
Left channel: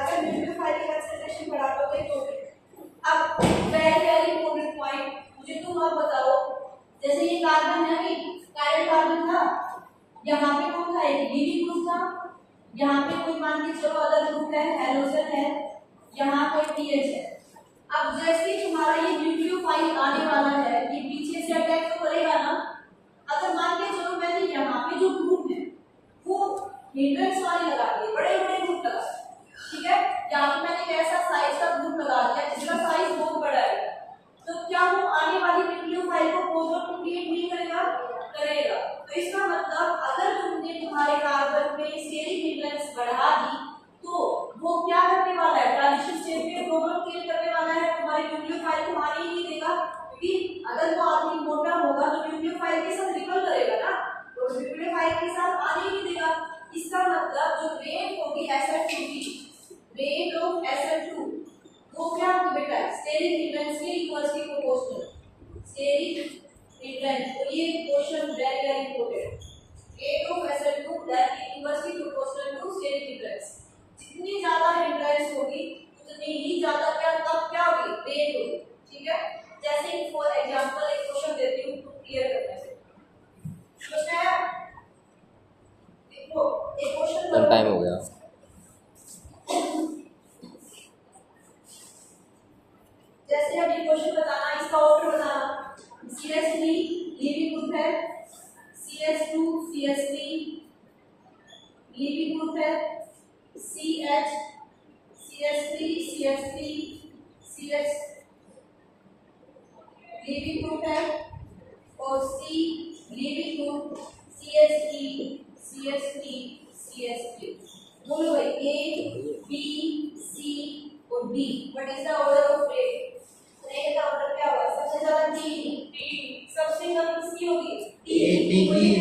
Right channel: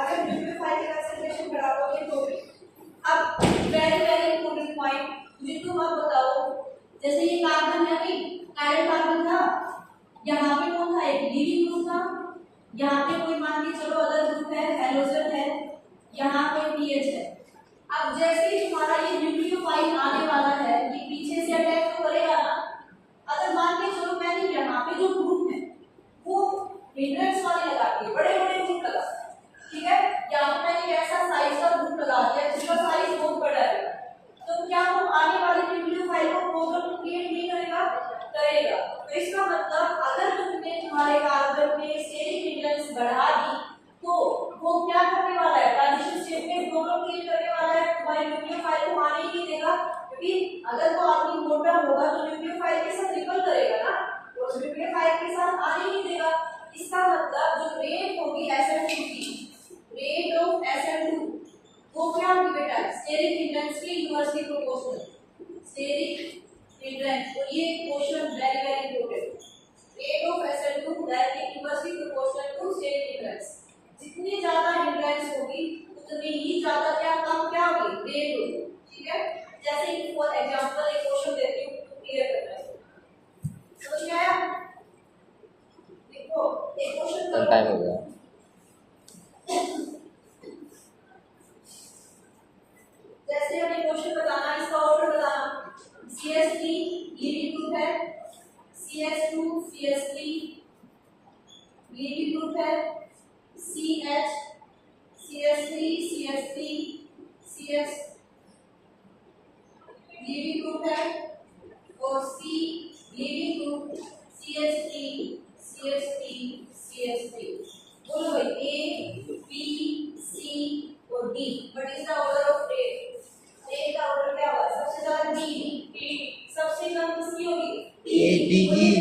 अगर न्यूक्लियोफाइल की कंसंट्रेशन बढ़ा दोगे तो भी। अब वेरी वेरी इंपॉर्टेंट पॉइंट, मुझे तुम अब बताओ, जैसे ये कार्बन है अभी, कायरल कार्बन था, यहाँ पे कौन था? एक लिविंग ग्रुप था, यहाँ पे कोई मान के चलो अदर ग्रुप है, हेलोजन है, यहाँ पे पीएच है। अब जैसे ही तुम्हारा ये न्यूक्लियोफाइल आने वाला है, ये पीछे से अटैक तो करेगा ना। अगर मान के चलो मैंने यहाँ पे जो ग्रुप है वो हिंड्रेंस वाले लगा दिए, बड़े बड़े ग्रुप लगा, ठीक है, यहाँ पे मैंने कैसा साइज का ग्रुप लगा दिया जिसका साइज बहुत बड़ा है, तो क्या वो आने वाली न्यूक्लियोफाइल को प्रोटॉन क्रिएट नहीं करेगा? करेगा। तो इसका मतलब अगर तुमने तुम्हारे कार्बन में स्टेरिक हिंड्रेंस बढ़ा दी तो वो क्या करने वाला है? ट्रांजिशन स्टेट में प्रोटॉन क्रिएट करने वाला है, तुम्हारी न्यूक्लियोफाइल को आने ही नहीं देगा, क्योंकि अगर वो आदमी मोटा होगा तो न्यूक्लियोफाइल के साथ रिपल करेगा ना, तो न्यूक्लियोफाइल के साथ आने ही नहीं देगा। इसका मतलब जो रेट होगी SN2 की, रेट ऑफ SN2 वो क्या होगी बेटा? स्टेरिक हिंड्रेंस के इनवर्सली प्रोपोर्शनल, स्टेरिक हिंड्रेंस। तो ये question very very important, rate of SN2 directly inversely proportional to steric hindrance. जितनी ज्यादा हिंड्रेंस होगी उतनी ही ज्यादा क्या होगी? रेट होगी, ठीक है। जैसे कि फॉर एग्जांपल एक क्वेश्चन देती हूँ, क्लियर करना है, समझ में आया? देखो एक क्वेश्चन टाइम हो गया। जैसे अभी क्वेश्चन बताना, इसका ऑर्डर बताना। CH3 लिविंग ग्रुप है, CH2 CH3 लिविंग ग्रुप है, CH CH3 CH3 CH leaving group है, और C leaving group CH3 CH3 CH3। बोलो भाई A B C और D। What is the order of rate? Rate का order क्या होगा? सबसे ज्यादा D, सबसे कम किसकी होगी? D।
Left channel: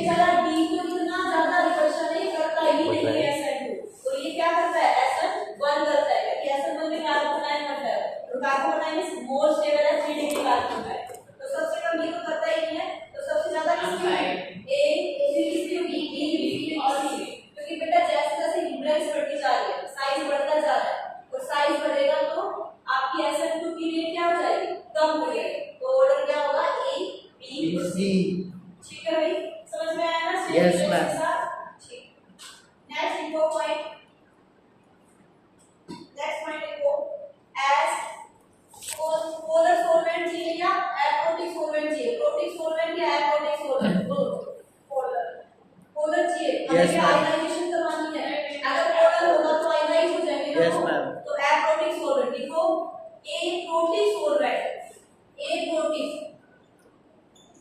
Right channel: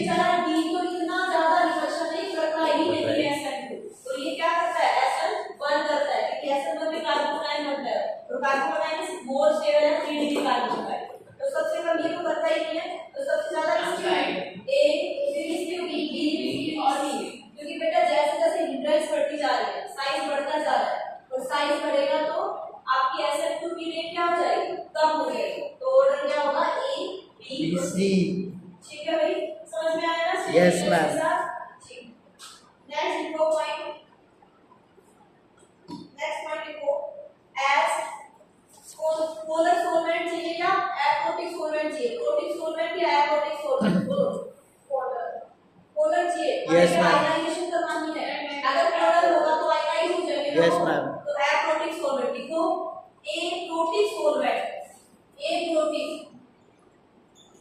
चला D तो इतना ज्यादा रिडक्शन नहीं करता ही नहीं है SN2, तो ये क्या करता है? SN1 करता है, क्योंकि SN1 में कार्बन आयन बनता है, तो कार्बन आयन मोल स्टेबल है, 3 डिग्री कार्बन होता है, तो सबसे कम ये तो करता ही नहीं है, तो सबसे ज्यादा किसकी होगी? A, फिर किसकी होगी? D और C, क्योंकि बेटा जैसे जैसे हिंड्रेंस बढ़ती जा रही है, साइज बढ़ता जा रहा है, और साइज बढ़ेगा तो आपकी SN2 की रेट क्या हो जाएगी? कम हो जाएगी। तो ऑर्डर क्या होगा? A B C, ठीक है भाई, समझ में आया ना? Yes, ma'am. ठीक। नेक्स्ट इनको पॉइंट, नेक्स्ट पॉइंट देखो, एस पोलर सॉल्वेंट चाहिए या एप्रोटिक सॉल्वेंट चाहिए? प्रोटिक सॉल्वेंट या एप्रोटिक सॉल्वेंट? बोलो। पोलर, पोलर चाहिए। Yes, ma'am. आयनाइजेशन करवानी है, अगर पोलर होगा तो आयनाइज हो जाएंगे ना। Yes, ma'am. तो एप्रोटिक सॉल्वेंट लिखो, एप्रोटिक सॉल्वेंट, एप्रोटिक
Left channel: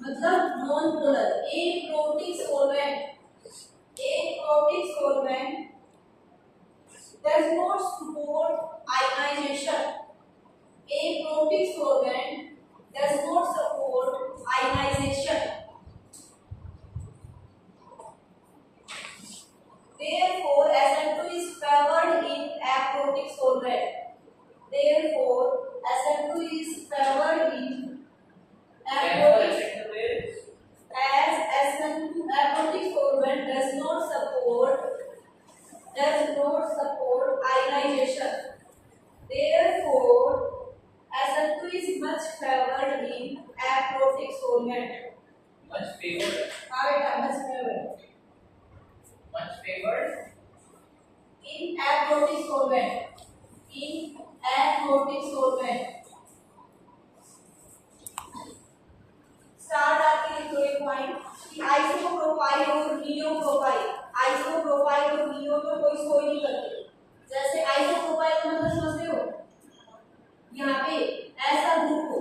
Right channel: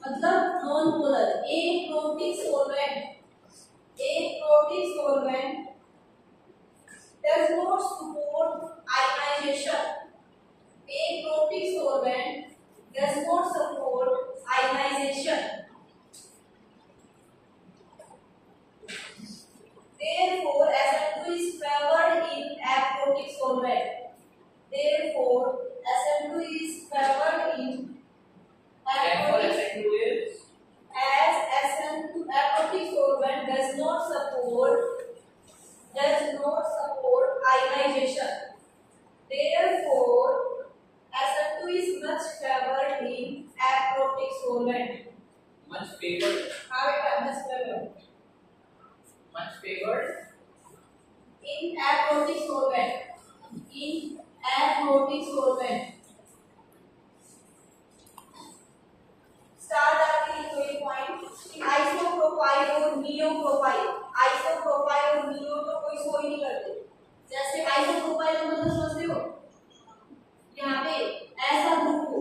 मतलब non polar, aprotic solvent, aprotic solvent does not support ionization. Aprotic solvent does not support ionization. Therefore, SN2 is favored in aprotic solvent. Therefore, SN2 is favored in aprotic as SN2 aprotic solvent does not support stabilization. Therefore, SN2 is much favored in aprotic solvent. Much favored. हाँ बेटा, much favored Much favored. in aprotic solvent. In aprotic solvent. Start आके लिखो एक point कि isopropyl और नियोप्रोपाइल, isopropyl और neo तो कोई सो ही नहीं करते। जैसे आइसोप्रोपाइल का मतलब समझते हो, यहाँ पे ऐसा ग्रुप हो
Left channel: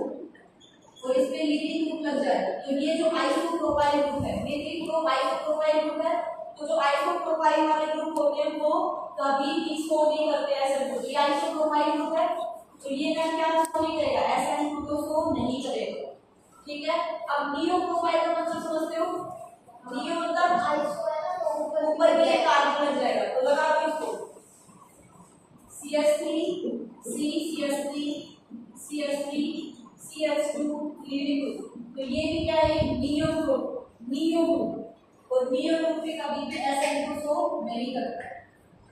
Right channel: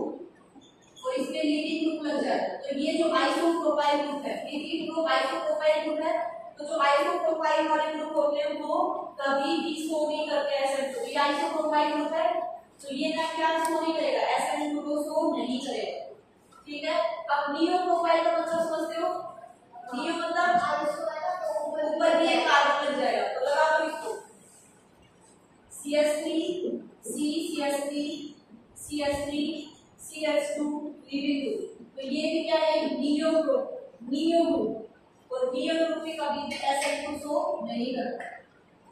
और इस पे लीविंग ग्रुप लग जाए, तो ये जो आइसोप्रोपाइल ग्रुप है, लीविंग ग्रुप आइसोप्रोपाइल ग्रुप है। तो जो आइसोप्रोपाइल वाले ग्रुप होते हैं वो कभी भी सो नहीं करते ऐसे। तो ये आइसोप्रोपाइल ग्रुप है, तो ये ना क्या सो नहीं करेगा, SN2 को सो नहीं करेगा। ठीक है, अब नियो प्रोफाइल का मतलब समझते हो, नियो मतलब ऊपर ये कार्बन लग जाएगा, तो लगा दो इसको CH3 C CH3 CH3 CH2 leaving group. तो ये भी क्या है, नियो ग्रुप, नियो ग्रुप। और नियो ग्रुप पे कभी भी SN2 सो नहीं करता।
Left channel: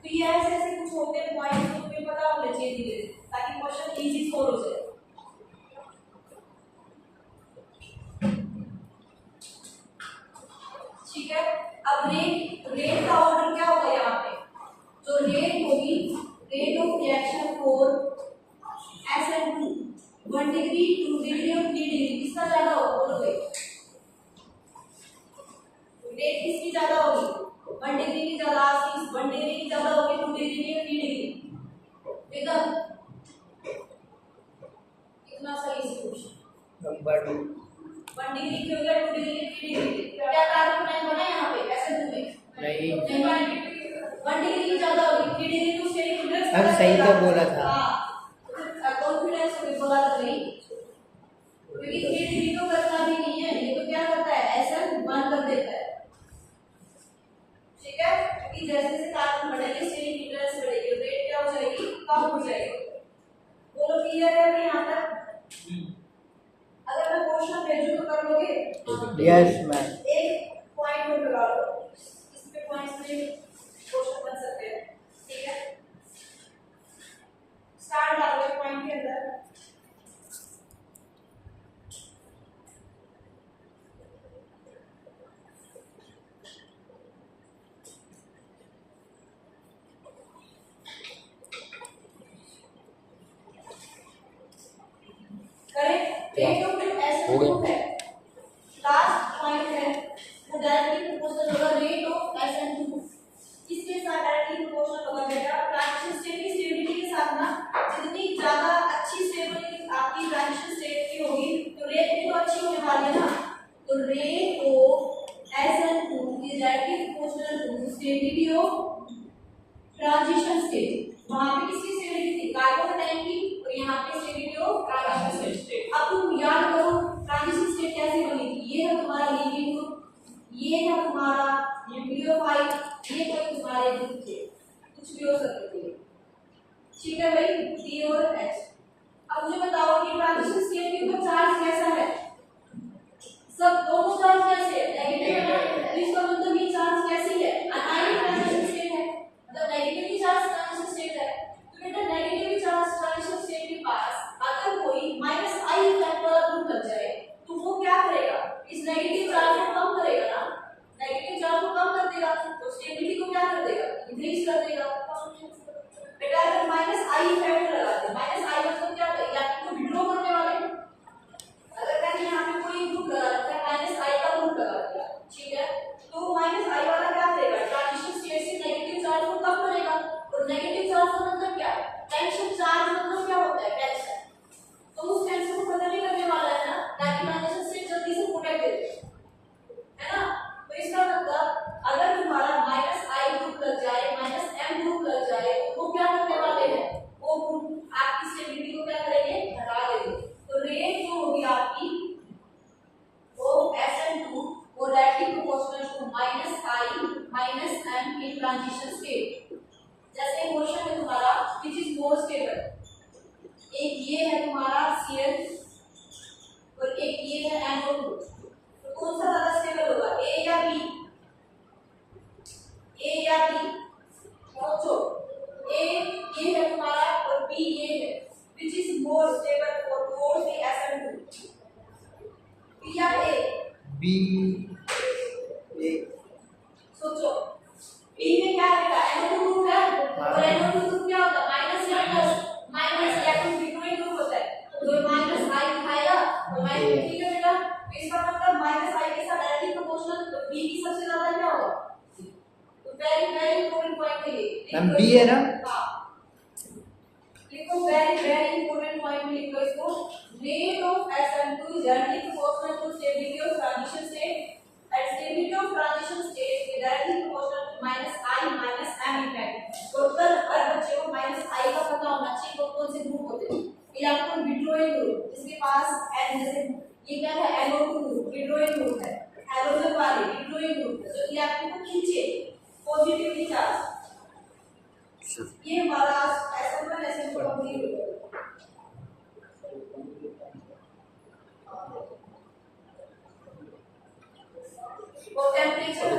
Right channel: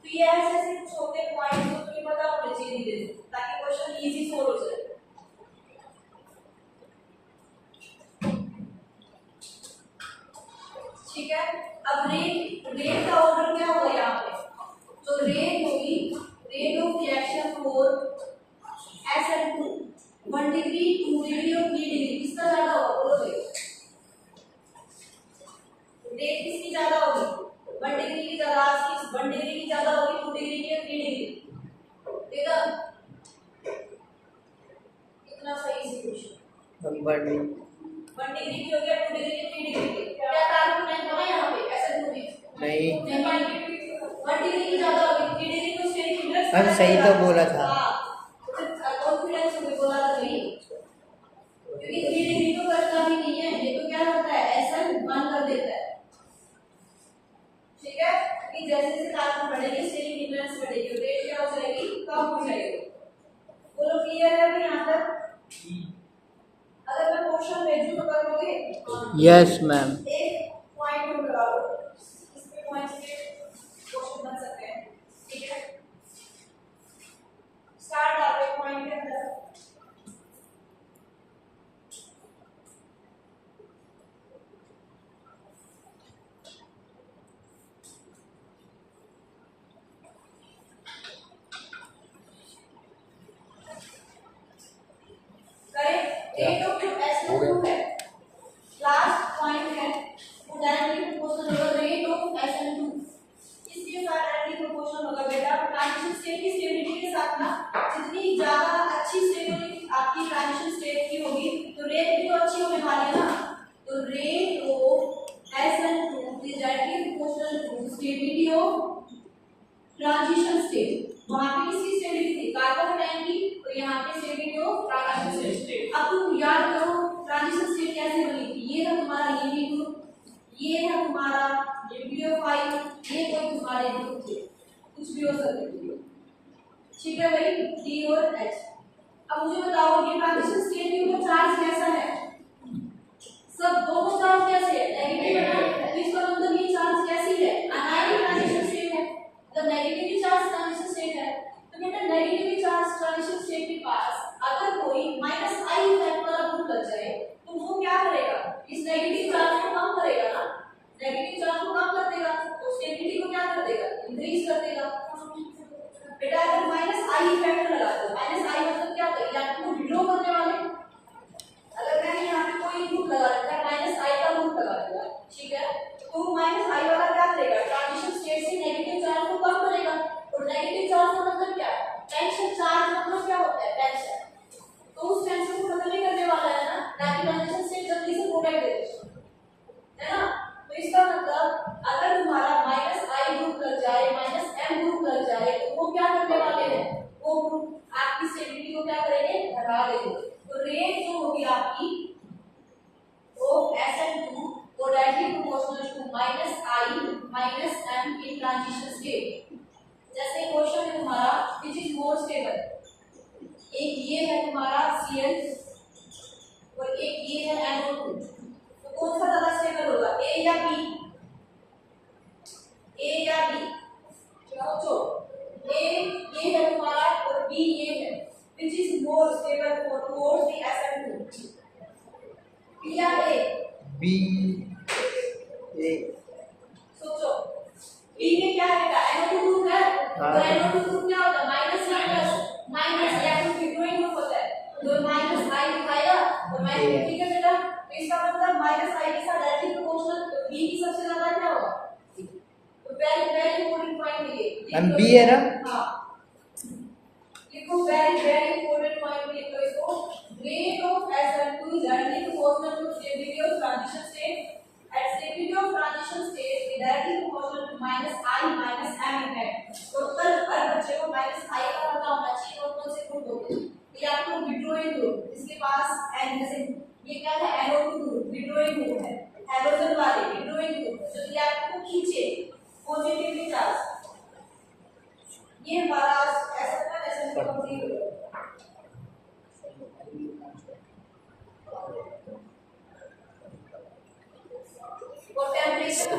तो ये ऐसे ऐसे कुछ होते हैं पॉइंट्स जो तुम्हें पता होने चाहिए धीरे धीरे, ताकि क्वेश्चन इजी सोल्व हो जाए। ठीक है, अब रेट का ऑर्डर क्या होगा यहाँ पे, जो रेट होगी, rate of reaction for SN2 1 degree 2 degree और 3 डिग्री, किसका ज्यादा होगा बोलो भाई, रेट किसकी ज्यादा होगी, 1 डिग्री की ज्यादा, 1 डिग्री की ज्यादा होगी, 2 डिग्री की और 3 डिग्री। एकदम कितना सही सॉल्यूशन। नंबर 1 डिग्री की हो गया, 2 डिग्री की, 3 डिग्री की। क्या कार्बन प्लान बना यहाँ पे SN2 में? नहीं। 1 डिग्री की ज्यादा होगी, 3 डिग्री तो स्टेरिक इंडेक्स अरे सही तो बोला था। कॉन्फिडेंस से बोला था नहीं, क्योंकि 3 डिग्री तो करता भी नहीं है, ये तो क्या करता है, SN1 कर देता है। ठीक है, क्योंकि जैसे जैसे कार्बन बढ़ेगी स्टेरिक इंडेक्स बढ़ेगी, रेट क्या हो जाएगी, कम हो जाएगी। बोलो क्लियर है अभी यहाँ तक? अगर मैं क्वेश्चन भेजूं तो कर लोगे? Yes ma'am. एक पॉइंट नोट लगा लो, इस पे पॉइंट्स पे क्वेश्चन बन सकते हैं। ठीक है, स्टार्ट डालो एक पॉइंट के अंदर। करेक्ट, रेट ऑफ जो SN2 है, लास्ट पॉइंट है, वो डायरेक्टली प्रोपोर्शनल होगा रेट ऑफ SN2। इसके साथ डायरेक्टली प्रोपोर्शनल होगा बेटा ट्रांजिशन स्टेट की स्टेबिलिटी के साथ ना, जितनी ज्यादा अच्छी स्टेबिलिटी आपकी ट्रांजिशन स्टेट की होगी तो रेट भी तो अच्छी होने वाली है ना। तो rate of SN2 is directly proportional to stability of transition state. वहां पे किसकी स्टेबिलिटी थी, कार्बन आयन की, और यहाँ पे स्टेबिलिटी ऑफ ट्रांजिशन स्टेट। अब तुम याद करो ट्रांजिशन स्टेट कैसे बनी थी, ये है तुम्हारा लीविंग ग्रुप, ये है तुम्हारा न्यूक्लियोफाइल, ये कोई तुम्हारे ग्रुप थे, कुछ भी हो सकते थे। ठीक है भाई, D और H। अब मुझे बताओ ये ट्रांजिशन स्टेट के ऊपर चार्ज कैसा है, सब दोनों चार्ज कैसे है, नेगेटिव है ना, तो इसका मतलब ये चार्ज कैसी है, अनायनिक ट्रांजिशन स्टेट है, मतलब नेगेटिव चार्ज ट्रांजिशन स्टेट है। तो बेटा नेगेटिव चार्ज ट्रांजिशन स्टेट के पास अगर कोई -I इफेक्ट वाला ग्रुप लग जाए तो वो क्या करेगा, इस नेगेटिव चार्ज को कम करेगा ना, नेगेटिव चार्ज को कम कर देगा, तो स्टेबिलिटी को क्या कर देगा, इंक्रीज कर देगा। बेटा अगर -I इफेक्ट लगा दो, -I मतलब क्या, इलेक्ट्रॉन विड्रॉ करने वाले, अगर मैंने यहाँ पे कोई ग्रुप लगा रखा है -I का ग्रुप लगा दिया, ठीक है, तो -I वाला क्या करेगा, ट्रांजिशन स्टेट से नेगेटिव चार्ज को कम करेगा। और नेगेटिव चार्ज का मतलब क्या है, टेंशन चार्ज मतलब क्या होता है, टेंशन, तो उस टेंशन को खत्म ही करने वाला है ना, ताकि ट्रांजिशन स्टेट जल्दी से प्रोटेक्ट दे है ना। तो इसका मतलब अगर तुम्हारा -I ग्रुप लग जाए, -M ग्रुप लग जाए, तो वो क्या करने वाले हैं, वो ग्रुप आपकी स्टेबिलिटी को क्या करेंगे, बढ़ा देंगे। तो रेट जो होगी आपकी ऑफ SN2 वो directly proportional to -I -M in transition state. जैसे क्वेश्चन है तुम्हारा व्हिच इज मोर स्टेबल, एक ये है तुम्हारा Cl और एक ये है NO2, तो कौन सा ज्यादा स्टेबल होगा, A या B, A या B, सोचो, A ये है हाँ। और NO2 ग्रुप क्या होता है माइनस या plus minus electron withdrawing group होता है तो माइनस आई दिखाएगा तो माइनस ठीक है बेटा तो इसका मतलब माइनस आई के साथ डायरेक्टली प्रोपोर्शनल तो बी की सबसे ज्यादा क्या होगा तो वेरी वेरी इंपॉर्टेंट पॉइंट है ये हम बी है ना हां लिखो वेरी वेरी इंपॉर्टेंट पॉइंट में लिखो इसको rate of SN2 is directly proportional to stability of transition state at stability of transition state is directly proportional to minus I minus M effect total हर बच्चे को minus I का पता होना चाहिए कौन से ग्रुप होते हैं इलेक्ट्रॉन विड्रॉइंग ग्रुप जिसके पास N जैसे ये क्या है NO2 ग्रुप विड्रॉइंग ग्रुप है हैलोजन वाले विड्रॉइंग ग्रुप है जो इलेक्ट्रॉन को खींचे पॉजिटिवली चार्ज ये हमारा SN1 SN2 कंप्लीट हो गया और टेम्परेचर